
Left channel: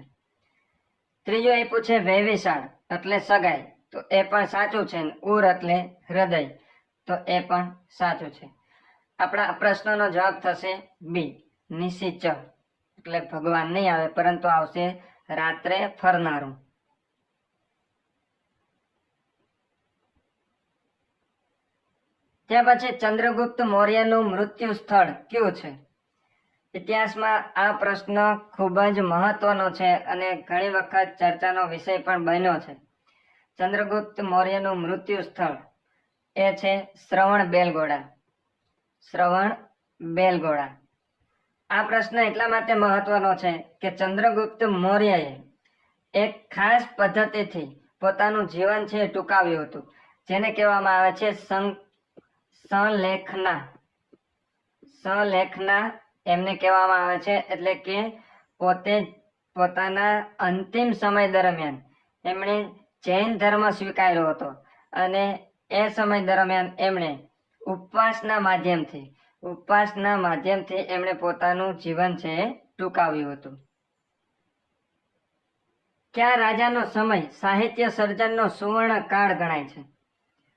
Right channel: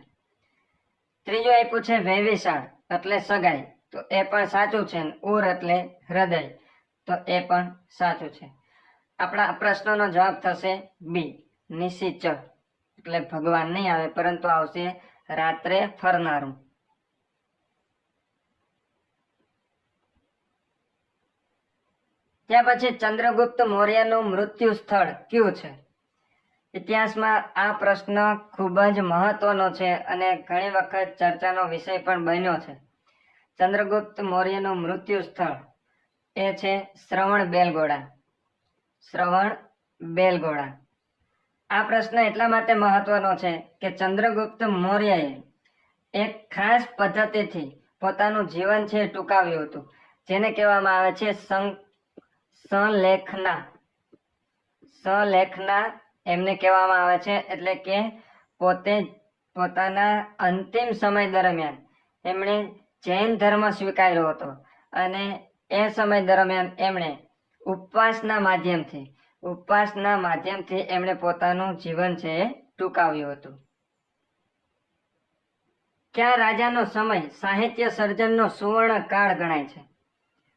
ત્રીજું આપ્યું છે વૈવિશાળ એટલે સગાઈ, તો એ પણ સાચું છે. ઉર એટલે હૃદય, તો એ પણ સાચું છે. આપણા પ્રશ્નનો જવાબ થશે બી, નિશિચર એટલે ભગવાન નહીં આવે પરંતુ આવશે રાત્રે ફરનારું. ત્યાર પછી ચંદ્રગુપ્ત મૌર્યનું મૃત્યુ સ્થળ કયું છે? ઇતિહાસમાં આ પ્રશ્ન ખૂબ જ મહત્વનો છે અને ઘણી વખત ચર્ચાનો વિષય પણ બન્યો છે. ચંદ્રગુપ્ત મૌર્યનું મૃત્યુ સ્થળ એ છે શ્રવણબેલગોળા. શ્રવણબેલગોળા. આ પ્રશ્ન એટલા માટે મહત્વનો છે કે ચંદ્રગુપ્ત મૌર્યએ એક ખાસ પદ્ધતિથી પોતાનું જીવન છે ટૂંકાવ્યું હતું, જેને કહેવામાં આવે છે સંલેખના. સંલેખના એમને કહેવામાં આવે છે. એટલે કે પોતે પોતાના અંતિમ સમય દરમિયાન એમણે જૈન ધર્મ સ્વીકાર્યો હતો અને એ સમય દરમિયાન એમણે ઉપવાસના માધ્યમથી એમણે પોતાનું જીવન છે ટૂંકાવ્યું હતું. કયા રાજાનો સમય સાહિત્ય સર્જનનો સુવર્ણ કાળ ગણાય છે?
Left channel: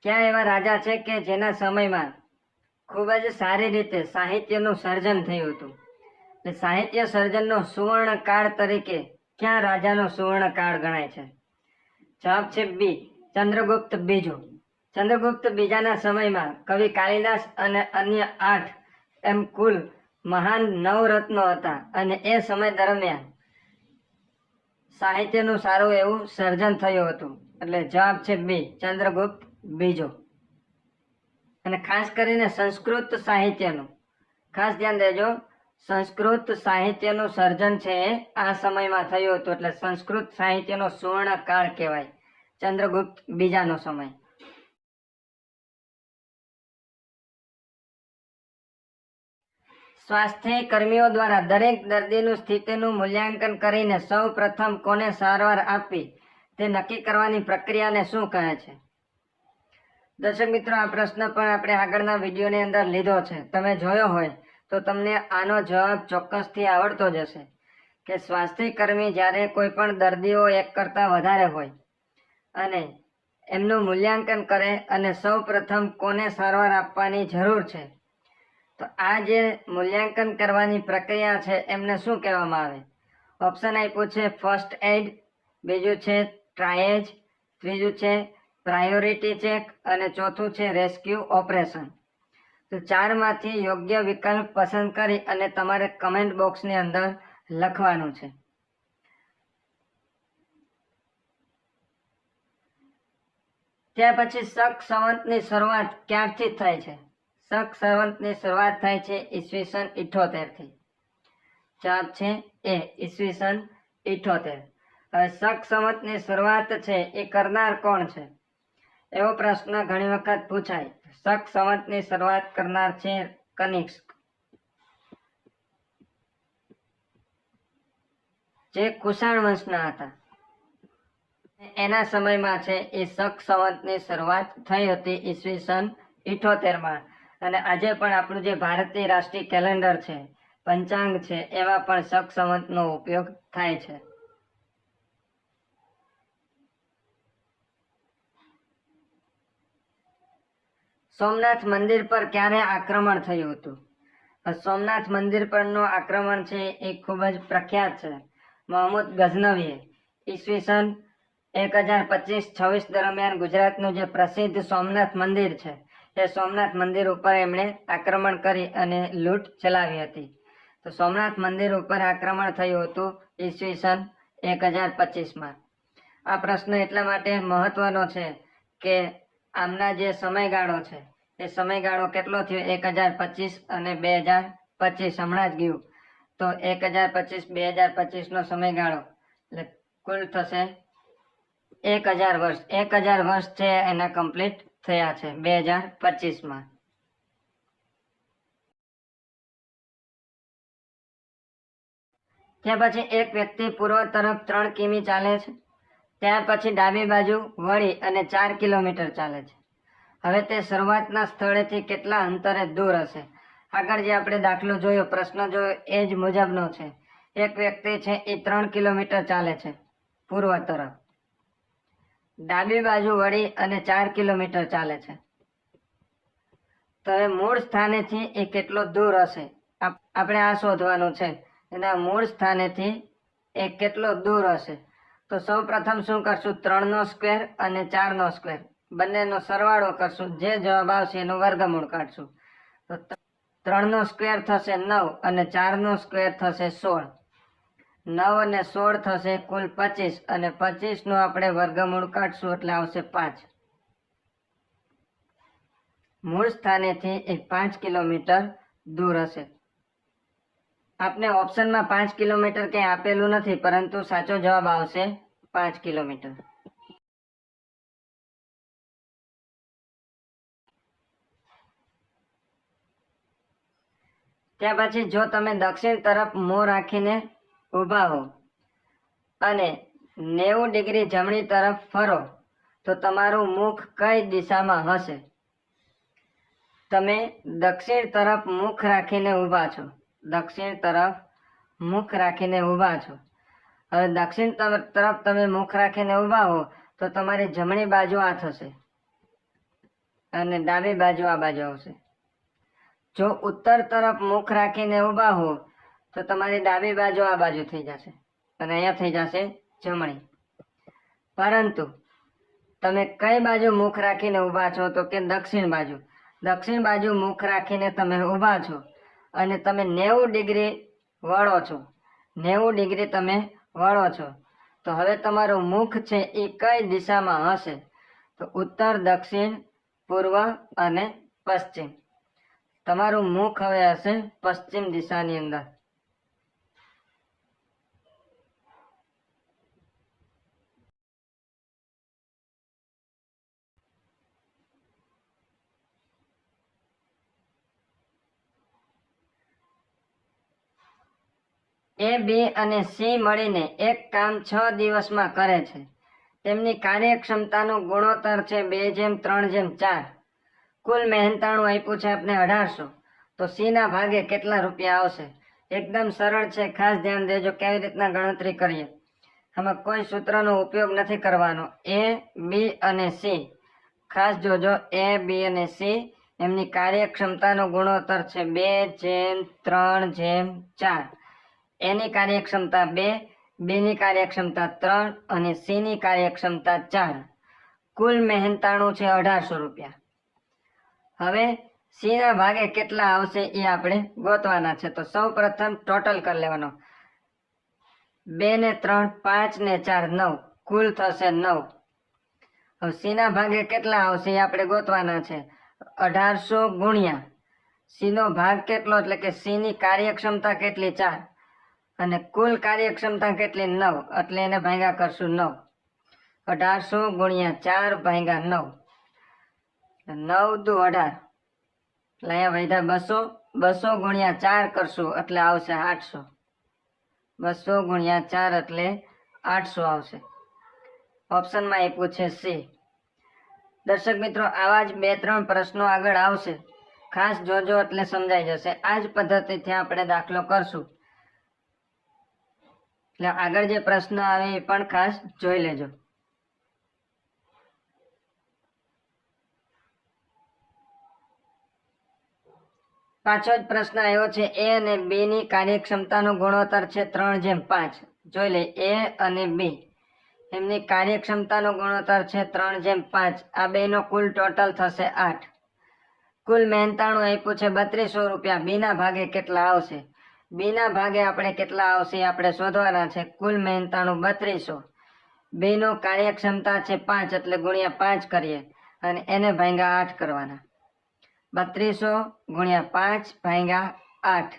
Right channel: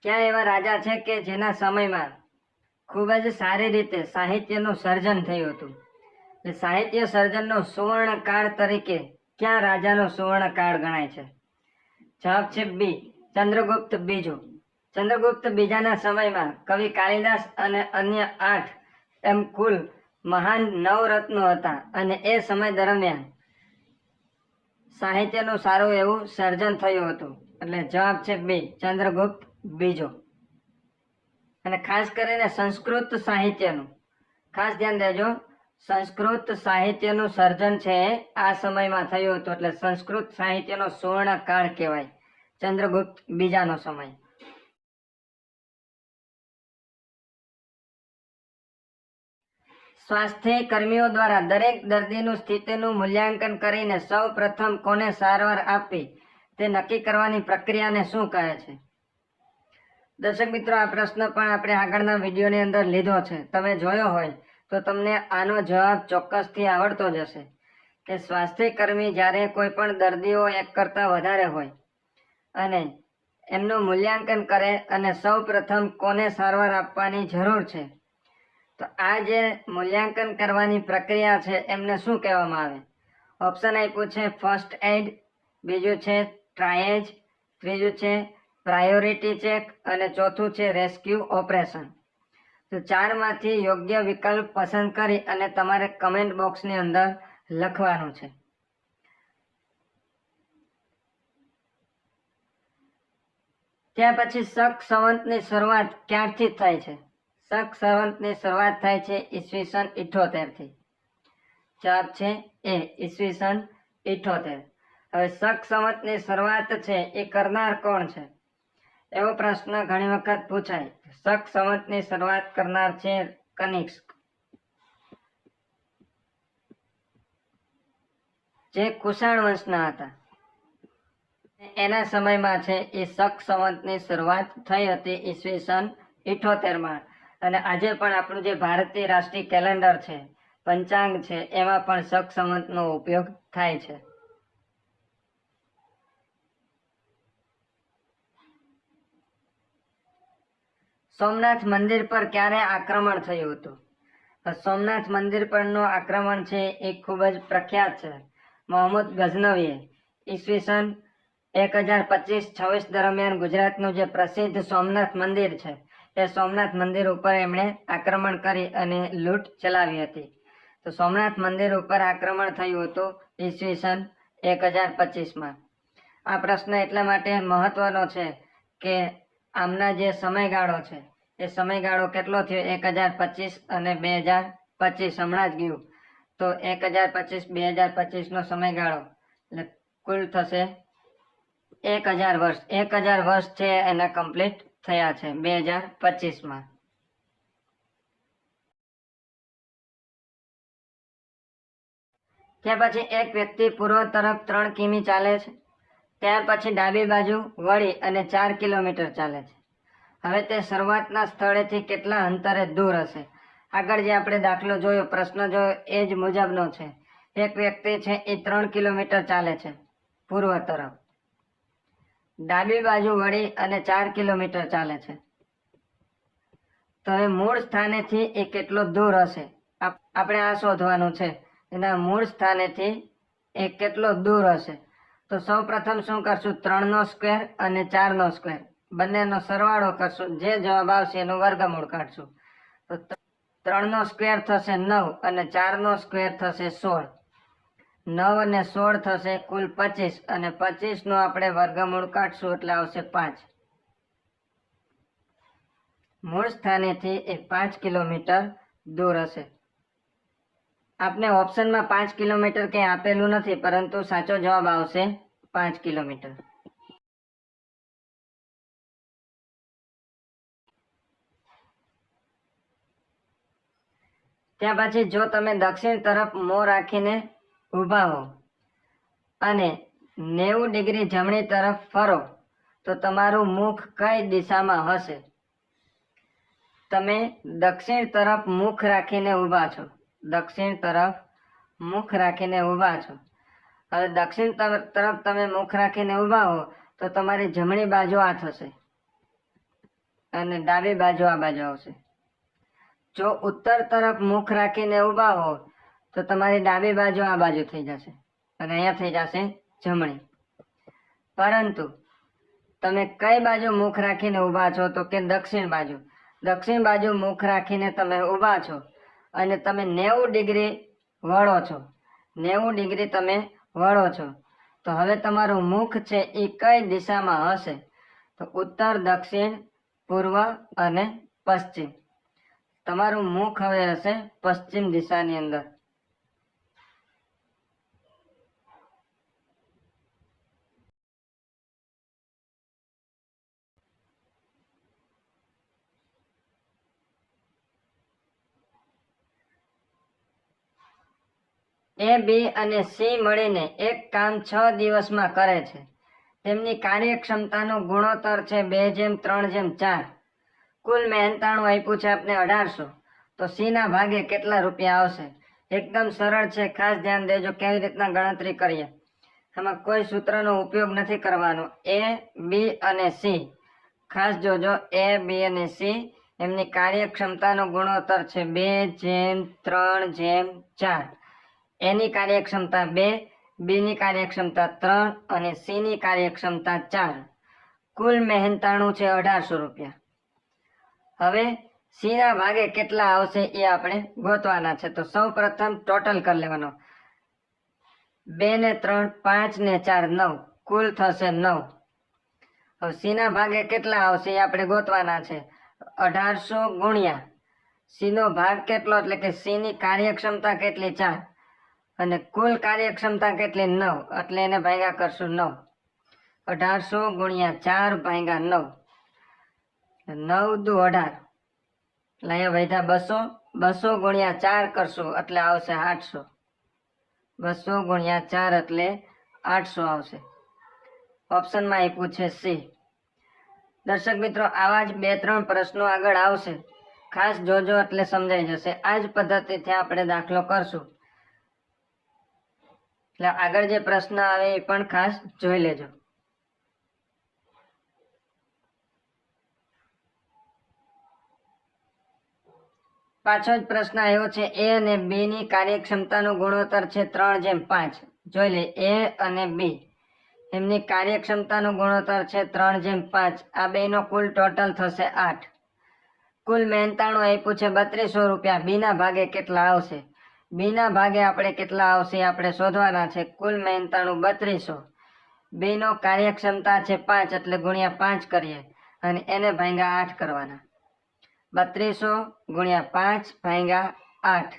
કયા એવા રાજા છે કે જેના સમયમાં ખૂબ જ સારી રીતે સાહિત્યનું સર્જન થયું હતું? સાહિત્ય સર્જનનો સુવર્ણ કાળ તરીકે કયા રાજાનો સુવર્ણ કાળ ગણાય છે? જવાબ છે બી, ચંદ્રગુપ્ત બીજું. ચંદ્રગુપ્ત બીજાના સમયમાં કવિ કાલિદાસ અને અન્ય 8 એમ કુલ મહાન નવરત્નો હતા અને એ સમય દરમિયાન સાહિત્યનું સારું એવું સર્જન થયું હતું. એટલે જવાબ છે બી, ચંદ્રગુપ્ત બીજો. અને ખાસ કરીને સંસ્કૃત સાહિત્યનું ખાસ ધ્યાન દેજો. સંસ્કૃત સાહિત્યનું સર્જન છે આ સમયમાં થયું હતું, એટલે સંસ્કૃત સાહિત્યનો સુવર્ણ કાળ કહેવાય ચંદ્રગુપ્ત બીજાનો સમય. સ્વાસ્થ્ય કર્મીઓ દ્વારા દરેક દર્દીનું સ્થિતિનું મૂલ્યાંકન કરીને સૌ પ્રથમ કોને સારવાર આપવી તે નક્કી કરવાની પ્રક્રિયાને શું કહે છે? દર્શક મિત્રો, આ પ્રશ્ન પણ આપણે આગળના વિડીયોની અંદર લીધો છે. તમે જોયો હોય તો તમને આનો જવાબ ચોક્કસથી આવડતો જ હશે કે સ્વાસ્થ્ય કર્મી જ્યારે કોઈ પણ દર્દીઓ એક કરતાં વધારે હોય અને એમનું મૂલ્યાંકન કરે અને સૌ પ્રથમ કોને સારવાર આપવાની જરૂર છે, તો આ જે મૂલ્યાંકન કરવાની પ્રક્રિયા છે એમને શું કહેવામાં આવે? ઓપ્શન આપ્યું છે ફર્સ્ટ એડ, બીજું છે ટ્રાયેજ, ત્રીજું છે પ્રાયોરિટી ચેક અને ચોથું છે રેસ્ક્યુ ઓપરેશન. તો 4 માંથી યોગ્ય વિકલ્પ પસંદ કરી અને તમારે કમેન્ટ બોક્સની અંદર લખવાનું છે. ત્યાર પછી શક સંવતની શરૂઆત ક્યારથી થાય છે? શક સંવતની શરૂઆત થાય છે ઈસવીસન 78 થી. જવાબ છે એ ઈસવીસન 78. હવે શક સંવતની શરૂઆત છે એ કરનાર કોણ છે? એવો પ્રશ્ન ઘણી વખત પૂછાય. શક સંવતની શરૂઆત કરનાર છે કનિષ્ક, જે કુષાણ વંશના હતા. એના સમયમાં છે એ શક સંવતની શરૂઆત થઈ હતી ઈસવીસન 78માં. અને આજે પણ આપણું જે ભારતીય રાષ્ટ્રીય કેલેન્ડર છે, પંચાંગ છે, એમાં પણ શક સંવતનો ઉપયોગ થાય છે. સોમનાથ મંદિર પર ક્યારે આક્રમણ થયું હતું? સોમનાથ મંદિર પરનું આક્રમણ છે એ ખૂબ જ પ્રખ્યાત છે. મોહમ્મદ ગઝનવીએ ઈસવીસન 1025-26 દરમિયાન ગુજરાતનું જે પ્રસિદ્ધ સોમનાથ મંદિર છે એ સોમનાથ મંદિર ઉપર એમણે આક્રમણ કરી અને લૂંટ ચલાવી હતી. તો સોમનાથ મંદિર ઉપર આક્રમણ થયું હતું ઈસવીસન 1025માં. આ પ્રશ્ન એટલા માટે મહત્વનો છે કે આમના જે સમયગાળો છે એ સમયગાળો કેટલો થયો? 1025 અને 2025 હમણાં જ ગયું. તો 1025-2025 સમયગાળો એટલે કુલ થશે 1000 વર્ષ. 1000 વર્ષ છે એના કમ્પ્લીટ થયા છે 2025માં. ત્યાર પછી એક વ્યક્તિ પૂર્વ તરફ 3 કિમી ચાલે છે, ત્યાર પછી ડાબી બાજુ વળી અને 4 કિલોમીટર ચાલે છે. હવે તે શરૂઆતના સ્થળેથી કેટલા અંતરે દૂર હશે? આગળ જે આપણે દાખલો જોયો, પ્રશ્ન જોયો એ જ મુજબનો છે. એક વ્યક્તિ છે એ 3 કિલોમીટર ચાલે છે પૂર્વ તરફ, ડાબી બાજુ વળી અને 4 કિલોમીટર ચાલે છે. તો એ મૂળ સ્થાનેથી એ કેટલો દૂર હશે? આપણે આ શોધવાનું છે. એના મૂળ સ્થાનેથી એ કેટલો દૂર હશે? તો સૌ પ્રથમ શું કરશું? 3નો સ્ક્વેર અને 4નો સ્ક્વેર બંનેનો સરવાળો કરશું. જે જવાબ આવશે એનું વર્ગમૂળ કાઢશું. તો 3નો સ્ક્વેર થશે 9 અને 4નો સ્ક્વેર થશે 16. 9 અને 16 થશે કુલ 25 અને 25નો આપણે વર્ગમૂળ કાઢશું એટલે આવશે 5. મૂળ સ્થાનેથી એ 5 કિલોમીટર દૂર હશે. આપને ઓપ્શનમાં 5 કિલોમીટર કંઈ આપેલું નથી, પરંતુ સાચો જવાબ આવશે 5 કિલોમીટર. ત્યાર પછી જો તમે દક્ષિણ તરફ મોં રાખીને ઊભા હો અને 90 ડિગ્રી જમણી તરફ ફરો તો તમારું મુખ કઈ દિશામાં હશે? તમે દક્ષિણ તરફ મુખ રાખીને ઊભા છો, દક્ષિણ તરફ મુખ રાખીને ઊભા છો. હવે દક્ષિણ તરફ તમે મુખ રાખીને ઊભા હો તો તમારી જમણી બાજુ આ થશે અને ડાબી બાજુ આ બાજુ આવશે. જો ઉત્તર તરફ મુખ રાખીને ઊભા હો તો તમારી ડાબી બાજુ આ બાજુ થઈ જશે અને અહીંયા થઈ જશે જમણી. પરંતુ તમે કઈ બાજુ મુખ રાખીને ઊભા છો? તો કે દક્ષિણ બાજુ. દક્ષિણ બાજુ મુખ રાખીને તમે ઊભા છો અને તમે 90 ડિગ્રી વળો છો, 90 ડિગ્રી તમે વળો છો. તો હવે તમારું મુખ છે એ કઈ દિશામાં હશે? તો ઉત્તર, દક્ષિણ, પૂર્વ અને પશ્ચિમ. તમારું મુખ હવે હશે પશ્ચિમ દિશાની અંદર. એ, બી અને સી મળીને એક કામ 6 દિવસમાં કરે છે. તેમની કાર્યક્ષમતાનું ગુણોત્તર છે 2:3:4. કુલ મહેનતાણું આપ્યું છે આપણે 1800. તો સી ના ભાગે કેટલા રૂપિયા આવશે? એકદમ સરળ છે, ખાસ ધ્યાન દેજો કેવી રીતના ગણતરી કરીએ. આમાં કોઈ સૂત્રનો ઉપયોગ નથી કરવાનો. એ, બી અને સી ખાસ જોજો. એ, બી અને સી એમની કાર્યક્ષમતાનો ગુણોત્તર છે 2:3:4. એની કાર્યક્ષમતા 2, બીની કાર્યક્ષમતા 3 અને સીની કાર્યક્ષમતા 4. કુલ મહેનતાણું છે 1800 રૂપિયા. હવે સી ના ભાગે કેટલા આવશે એ આપણે ગોતવાના છે. તો સૌ પ્રથમ ટોટલ કરી લેવાનો. 2 ને 3 5 ને 4 9 કુલ થશે 9. હવે સી ના ભાગે કેટલા આવશે એ આપણે ગોતવાના છે. 1800 ગુણ્યા સી નો ભાગ કેટલો એટલે કે સી ની કાર્યક્ષમતા કેટલી 4 અને કુલ કાર્યક્ષમતા કેટલી 9 એટલે એને ભાગ્યા કરશું 9. 1800 ગુણ્યા 4 ભાગ્યા 9 9 દુ 18 એટલે અહીંયા વધ્યા 200. 200 ગુણ્યા 4 કરશું એટલે આવશે 800. 200 ગુણ્યા 4 એટલે 800 આવશે. ઓપ્શનમાં એ પૂછે સી. દર્શક મિત્રો, આવા જ 2-3 પ્રશ્નો આગળ આવશે, ખાસ જોજો એટલે સમજાઈ જશે. આ જ પદ્ધતિથી આપણે દાખલો કરશું એટલે આગળ જે પ્રશ્ન આવે એ પણ ખાસ જોઈ લેજો. પાછો જ પ્રશ્ન આવ્યો છે. એ અને બી ની કાર્યક્ષમતાનો ગુણોત્તર છે 3:5. જોઈ લે, એ અને બી એમની કાર્યક્ષમતાનો ગુણોત્તર છે 3:5. આ બેનો કુલ ટોટલ થશે 8. કુલ મહેનતાણું આપ્યું છે 3200 રૂપિયા. બી ના ભાગે કેટલા આવશે? બી ના ભાગે આપણે કેટલા આવશે આપણે શોધવાના છે. કુલ મહેનતાણું 3200. બી નો કાર્યક્ષમતા છે 5 એટલે ગુણ્યા 5 કરીએ અને એને ભાગ્યા 8 કરવાના. 3200 ગુણ્યા 5 ભાગ્યા 8.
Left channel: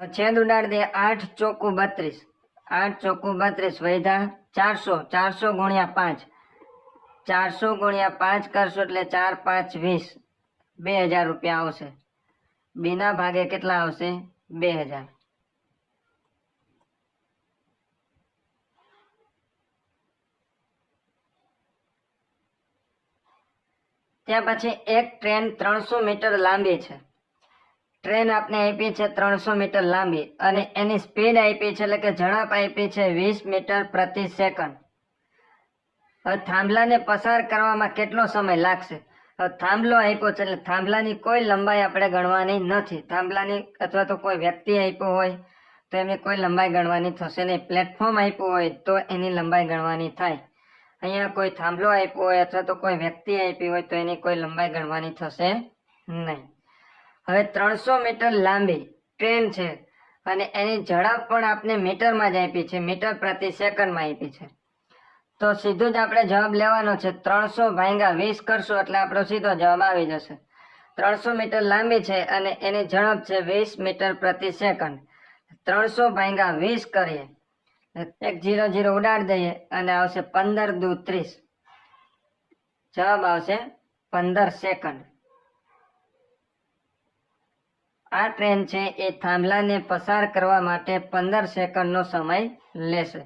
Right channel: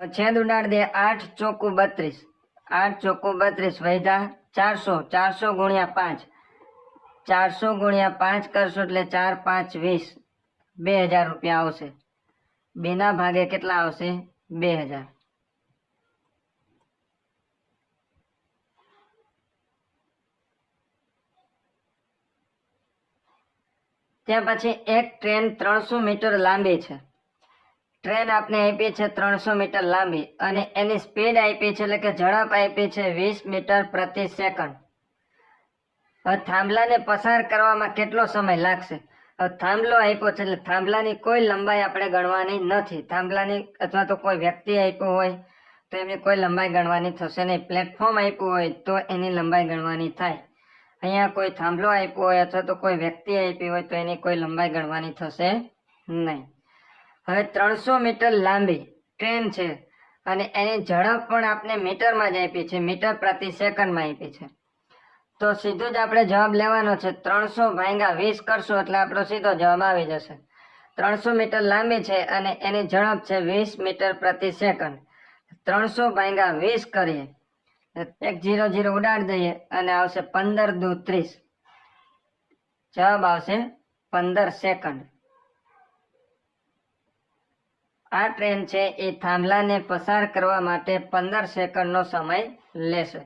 છેદ ઉડાડી દે. 8 ચોકું 32. 8 ચોકું 32 વૈધા 400. 400 ગુણ્યા 5. 400 ગુણ્યા 5 કરશું એટલે 4 5 20. 2000 રૂપિયા આવશે. બી ના ભાગે કેટલા આવશે? 2000. ત્યાં પછી એક ટ્રેન 300 મીટર લાંબી છે. ટ્રેન આપને આપી છે 300 મીટર લાંબી અને એની સ્પીડ આપી છે એટલે કે ઝડપ આપી છે 20 મીટર પ્રતિ સેકન્ડ. હવે થાંભલાને પસાર કરવામાં કેટલો સમય લાગશે? થાંભલો આપ્યો છે એટલે થાંભલાની કોઈ લંબાઈ આપણે ગણવાની નથી. થાંભલાની અથવા તો કોઈ વ્યક્તિ આપ્યું હોય તો એની કોઈ લંબાઈ ગણવાની થશે નહીં. પ્લેટફોર્મ આપ્યું હોય તો એની લંબાઈ ગણવાની થાય. અહીંયા કોઈ થાંભલો આપ્યો હોય અથવા તો કોઈ વ્યક્તિ આપી હોય તો એની કોઈ લંબાઈ ગણવાની થશે નહીં. હવે 300 મીટર લાંબી ટ્રેન છે અને એની ઝડપ પણ આપણે મીટરમાં જ આપી છે. મીટર પ્રતિ સેકન્ડમાં આપી છે. તો સીધું જ આપણે જવાબ લેવાનો છે. 300 ભાગ્યા 20 કરશું એટલે આપણો સીધો જવાબ આવી જશે. 300 મીટર લાંબી છે અને એની ઝડપ છે 20 મીટર પ્રતિ સેકન્ડ. 300 ભાગ્યા 20 કરીએ, 1 0 0 ઉડાડી દઈએ અને આવશે 15 દુ 30. જવાબ આવશે 15 સેકન્ડ. આ ટ્રેન છે એ થાંભલાને પસાર કરવા માટે 15 સેકન્ડનો સમય લેશે.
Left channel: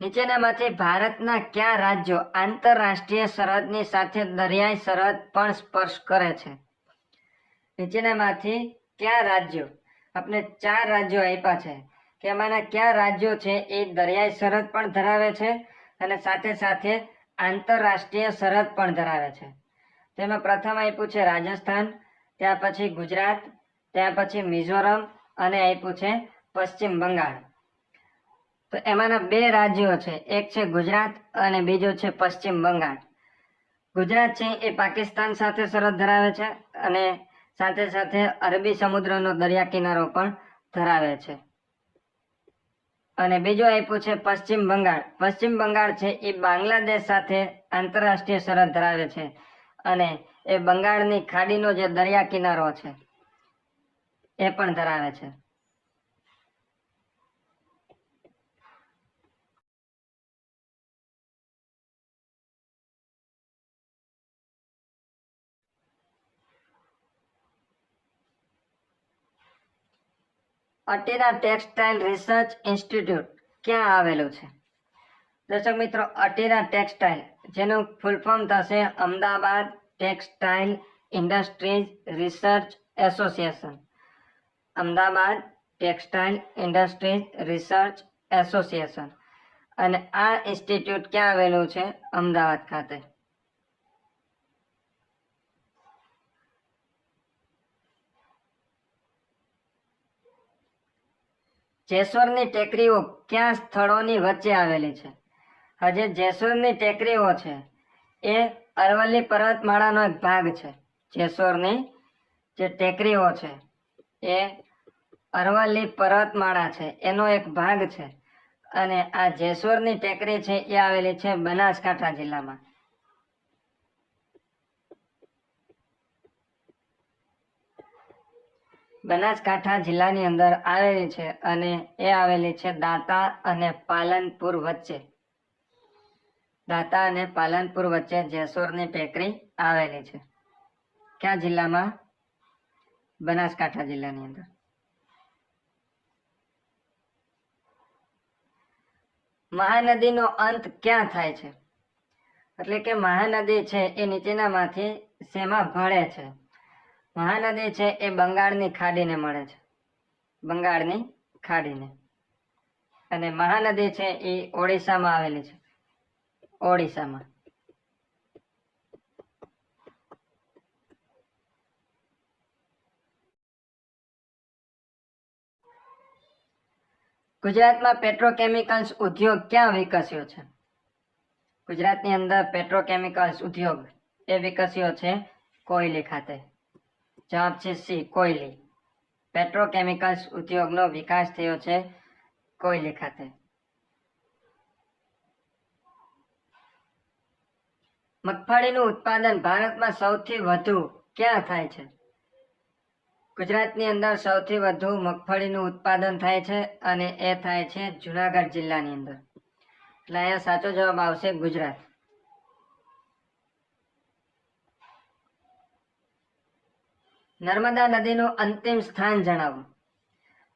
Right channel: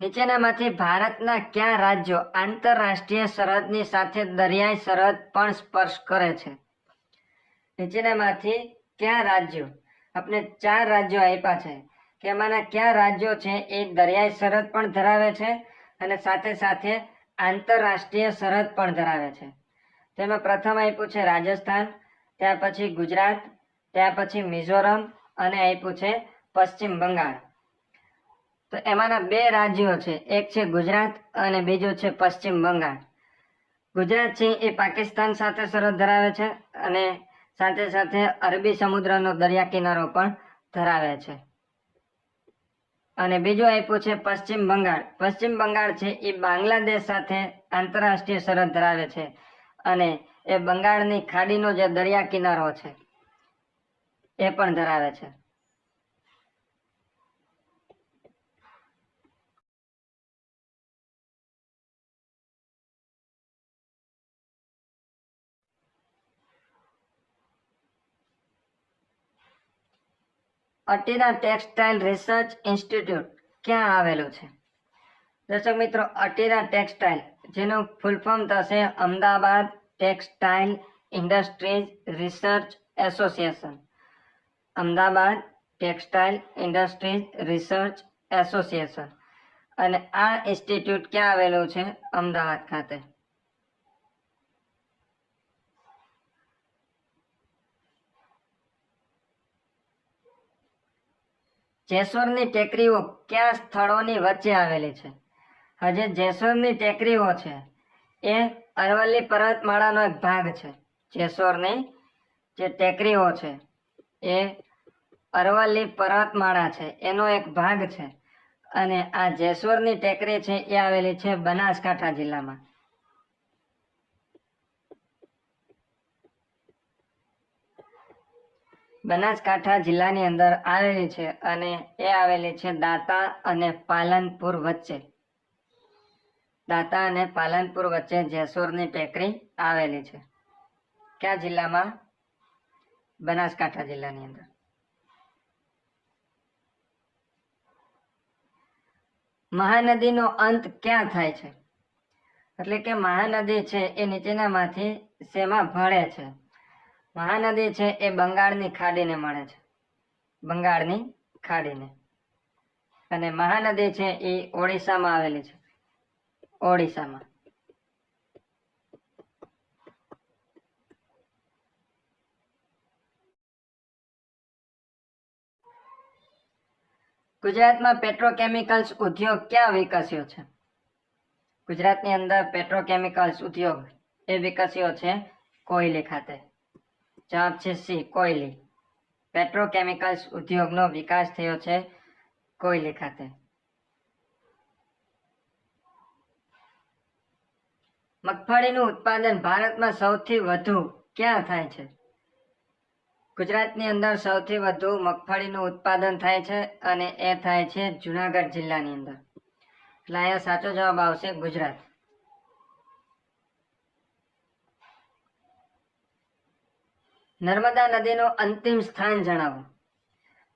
નીચેનામાંથી ભારતના કયા રાજ્યો આંતરરાષ્ટ્રીય સરહદની સાથે દરિયાઈ સરહદ પણ સ્પર્શ કરે છે? નીચેનામાંથી કયા રાજ્યો, આપણે 4 રાજ્યો આપ્યા છે કે એમાંના કયા રાજ્યો છે એ દરિયાઈ સરહદ પણ ધરાવે છે અને સાથે સાથે આંતરરાષ્ટ્રીય સરહદ પણ ધરાવે છે? તેમાં પ્રથમ આપ્યું છે રાજસ્થાન, ત્યાર પછી ગુજરાત, ત્યાર પછી મિઝોરમ અને આપ્યું છે પશ્ચિમ બંગાળ. તો એમાંના 2 રાજ્યો છે, એક છે ગુજરાત અને બીજું છે પશ્ચિમ બંગાળ. ગુજરાત છે એ પાકિસ્તાન સાથે સરહદ ધરાવે છે અને સાથે સાથે અરબી સમુદ્રનો દરિયા કિનારો પણ ધરાવે છે. અને બીજું આપ્યું છે પશ્ચિમ બંગાળ. પશ્ચિમ બંગાળ છે એ બાંગ્લાદેશ સાથે આંતરરાષ્ટ્રીય સરહદ ધરાવે છે અને એ બંગાળની ખાડીનો જે દરિયા કિનારો છે એ પણ ધરાવે છે. અટીરા ટેક્સટાઇલ રિસર્ચ ઇન્સ્ટિટ્યૂટ ક્યાં આવેલું છે? દર્શક મિત્રો, અટીરા ટેક્સટાઇલ જેનું ફૂલ ફોર્મ થશે Ahmedabad textile industries research association. Ahmedabad textile industries research association. અને આ ઇન્સ્ટિટ્યૂટ ક્યાં આવેલું છે? અમદાવાદ ખાતે. જેસોરની ટેકરીઓ કયા સ્થળોની વચ્ચે આવેલી છે? હજે જેસોરની ટેકરીઓ છે એ અરવલ્લી પર્વતમાળાનો એક ભાગ છે. જેસોરની જે ટેકરીઓ છે એ અરવલ્લી પર્વતમાળા છે એનો એક ભાગ છે. અને આ જેસોરની ટેકરી છે એ આવેલી છે બનાસકાંઠા જિલ્લામાં. બનાસકાંઠા જિલ્લાની અંદર આવેલી છે અને એ આવેલી છે દાંતા અને પાલનપુર વચ્ચે. દાંતા અને પાલનપુર વચ્ચે જેસોરની ટેકરી આવેલી છે. કયા જિલ્લામાં? બનાસકાંઠા જિલ્લાની અંદર. મહાનદીનો અંત ક્યાં થાય છે? એટલે કે મહાનદી છે એ નીચેનામાંથી શેમાં ભળે છે? મહાનદી છે એ બંગાળની ખાડીને મળે છે. બંગાળની ખાડીને. અને મહાનદી છે એ ઓડિશામાં આવેલી છે. ઓડિશામાં. ગુજરાતમાં પેટ્રોકેમિકલ્સ ઉદ્યોગ ક્યાં વિકસ્યો છે? ગુજરાતની અંદર પેટ્રોકેમિકલ્સ ઉદ્યોગ એ વિકસ્યો છે કોયલી ખાતે. જવાબ છે સી, કોયલી. પેટ્રોકેમિકલ્સ ઉદ્યોગનો વિકાસ થયો છે કોયલી ખાતે. મગફળીનું ઉત્પાદન ભારતમાં સૌથી વધુ ક્યાં થાય છે? ગુજરાતની અંદર સૌથી વધુ મગફળીનું ઉત્પાદન થાય છે અને એ થાય છે જુનાગઢ જિલ્લાની અંદર. એટલે અહીંયા સાચો જવાબ આવશે ગુજરાત. નર્મદા નદીનું અંતિમ સ્થાન જણાવો.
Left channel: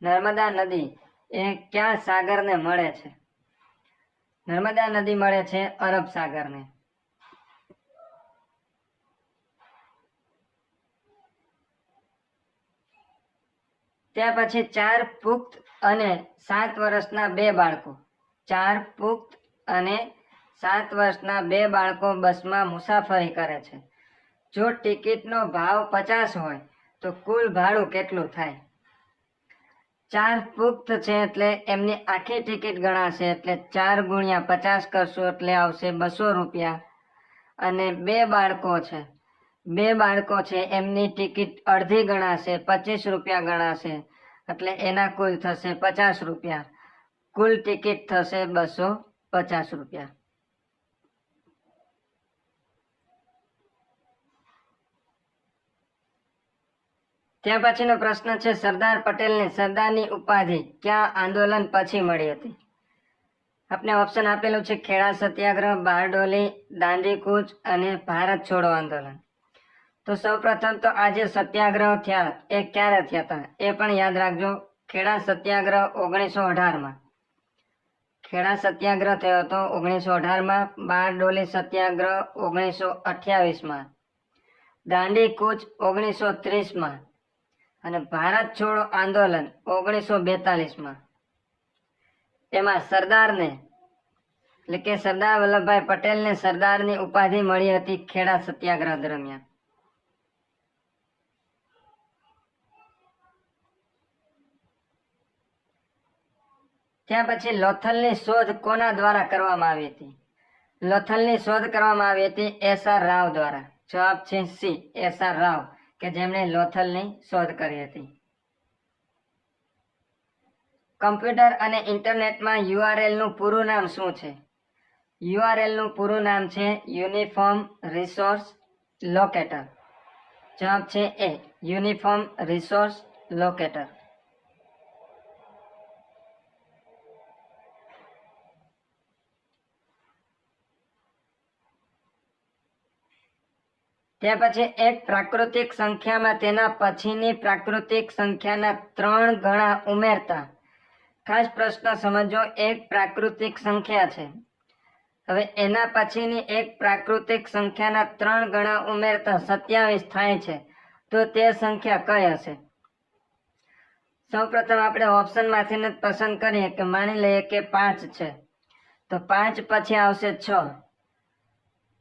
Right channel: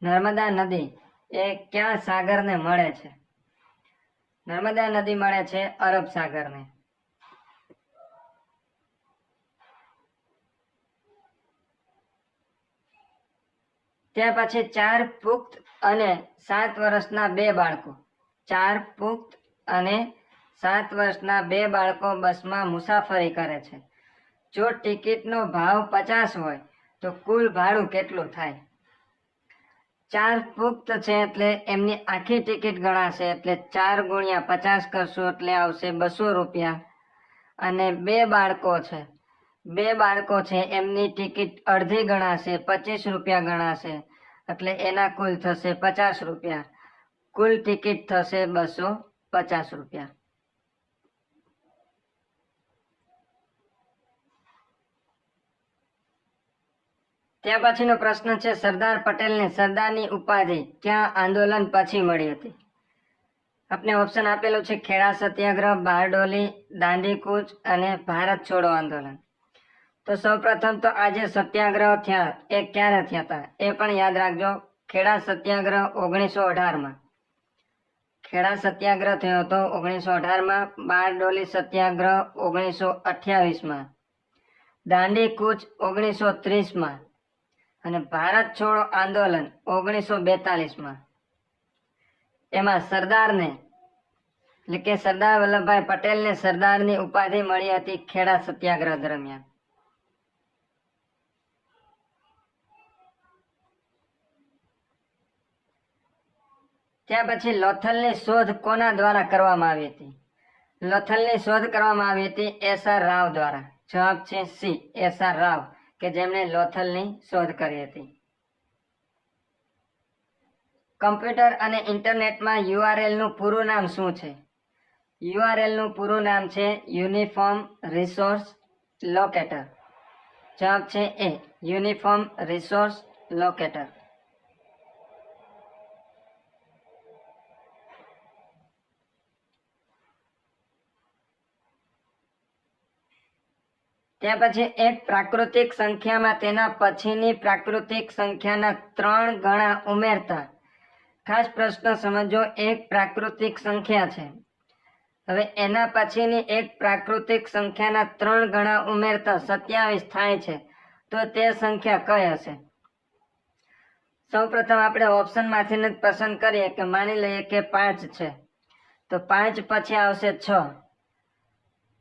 નર્મદા નદી એ કયા સાગરને મળે છે? નર્મદા નદી મળે છે અરબ સાગરને. ત્યાં પછી 4 પુખ્ત અને 7 વર્ષના 2 બાળકો. 4 પુખ્ત અને 7 વર્ષના 2 બાળકો બસમાં મુસાફરી કરે છે. જો ટિકિટનો ભાવ 50 હોય તો કુલ ભાડું કેટલું થાય? 4 પુખ્ત છે એટલે એમની આખી ટિકિટ ગણાશે એટલે 4 ગુણ્યા 50 કરશો એટલે આવશે 200 રૂપિયા. અને 2 બાળકો છે, 2 બાળકો છે એમની ટિકિટ અડધી ગણાશે, 25 રૂપિયા ગણાશે એટલે એના કુલ થશે 50 રૂપિયા. કુલ ટિકિટ થશે 250 રૂપિયા. ત્યાં પછીનો પ્રશ્ન છે સરદાર પટેલને સરદારની ઉપાધિ ક્યાં આંદોલન પછી મળી હતી? આપને ઓપ્શન આપેલું છે ખેડા સત્યાગ્રહ, બારડોલી, દાંડીકૂચ અને ભારત છોડો આંદોલન. તો સૌપ્રથમ તો આ જે સત્યાગ્રહ થયા એ ક્યારે થયા હતા એ પણ યાદ રાખજો. ખેડા સત્યાગ્રહ 1918માં. ખેડા સત્યાગ્રહ થયો હતો 1918માં. બારડોલી સત્યાગ્રહ 1928માં. દાંડીકૂચ 1930માં. અને ભારત છોડો આંદોલન 1942માં. એમાં સરદારને એટલે કે સરદાર વલ્લભભાઈ પટેલને સરદારની ઉપાધિ મળી હતી ખેડા સત્યાગ્રહ દરમિયાન. ત્યાર પછી લોથલની શોધ કોના દ્વારા કરવામાં આવી હતી? લોથલની શોધ કરવામાં આવી હતી એસ.આર. રાવ દ્વારા. જવાબ છે સી, એસ.આર. રાવ, કે જેમણે લોથલની શોધ કરી હતી. કમ્પ્યુટર અને ઇન્ટરનેટમાં URL નું પૂરું નામ શું છે? URL નું પૂરું નામ છે યુનિફોર્મ રિસોર્સ લોકેટર. જવાબ છે એ, યુનિફોર્મ રિસોર્સ લોકેટર. ત્યાર પછી એક પ્રાકૃતિક સંખ્યામાં તેના પછીની પ્રાકૃતિક સંખ્યાના 3 ગણા ઉમેરતા. ખાસ પ્રશ્ન સમજો. એક પ્રાકૃતિક સંખ્યા છે, હવે એના પછીની એક પ્રાકૃતિક સંખ્યાના 3 ગણા ઉમેરતા 27 થાય છે તો તે સંખ્યા કઈ હશે? સૌપ્રથમ આપણે ઓપ્શનમાંથી પસંદ કરીએ કે માની લઈએ કે 5 છે તો 5 પછી આવશે 6.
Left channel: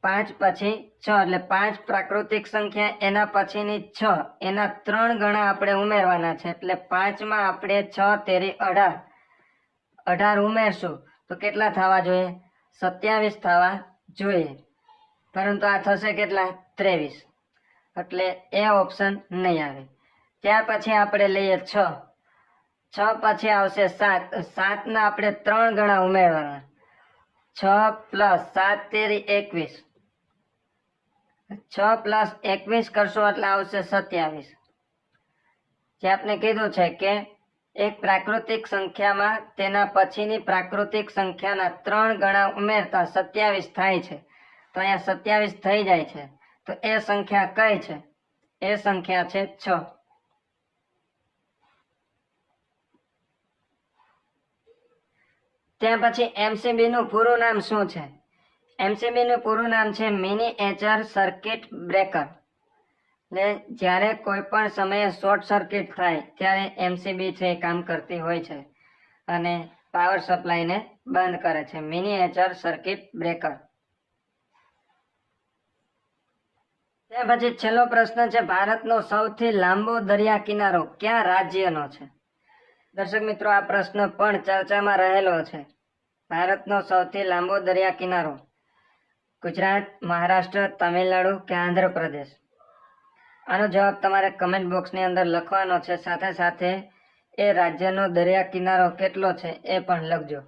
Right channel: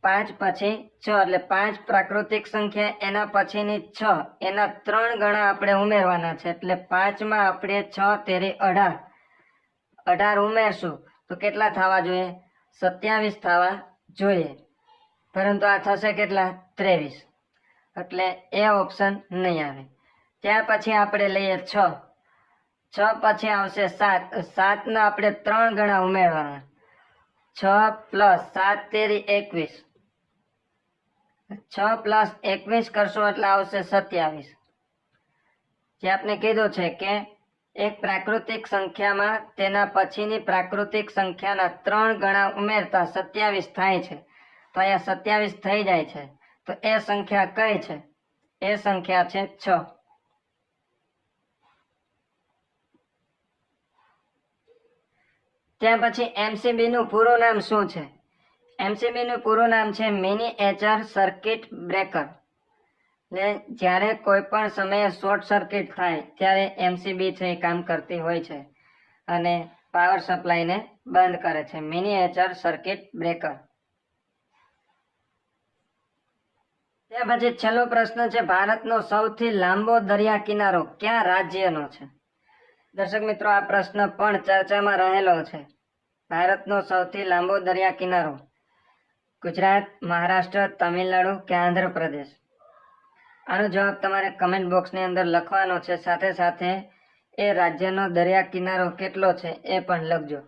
5 પછી 6 એટલે 5 પ્રાકૃતિક સંખ્યા, એના પછીની 6, એના 3 ગણા આપણે ઉમેરવાના છે એટલે 5 માં આપણે 6 તેરી 18 18 ઉમેરશું તો કેટલા થવા જોઈએ? 27 થવા જોઈએ, પરંતુ આ થશે કેટલા? 23, એટલે એ ઓપ્શન નહીં આવે. ત્યાર પછી આપણે લઈએ 6. 6 પછી આવશે 7. 7 ના આપણે 3 ગણા ઉમેરવાના. 6 + 7 તેરી 21. 6 + 21 કરશો એટલે આવશે 27. જે આપણે કીધું છે કે એક પ્રાકૃતિક સંખ્યામાં તેના પછીની પ્રાકૃતિક સંખ્યાના 3 ગણા ઉમેરતા 27 થાય છે. તો અહીંયા 27 થઈ જાય છે. તો એ સંખ્યા કઈ છે? એ સંખ્યા છે 6. ત્યાં પછી એમસીબી નું પૂરું નામ શું છે? એમસીબી નું પૂરું નામ છે મિનિએચર સર્કિટ બ્રેકર. ને જ્યારે કોઈ પણ સમયે શોર્ટ સર્કિટ થાય ત્યારે એમસીબી છે એ કામ કરતી હોય છે અને પાવર સપ્લાયને બંધ કરે છે. Miniature circuit breaker. ત્યાર પછી છેલ્લો પ્રશ્ન છે, ભારતનો સૌથી લાંબો દરિયા કિનારો કયા રાજ્યનો છે? દર્શક મિત્રો, આ પ્રશ્ન પણ ચર્ચામાં રહેલો છે. ભારતનો સૌથી લાંબો દરિયા કિનારો ગુજરાત, મહારાષ્ટ્ર, તમિલનાડુ કે આંધ્રપ્રદેશ? આનો જવાબ તમારે કમેન્ટ બોક્સની અંદર લખવાનો છે. સાથે સાથે એ રાજ્યનો દરિયા કિનારો કેટલો છે એ પણ લખજો.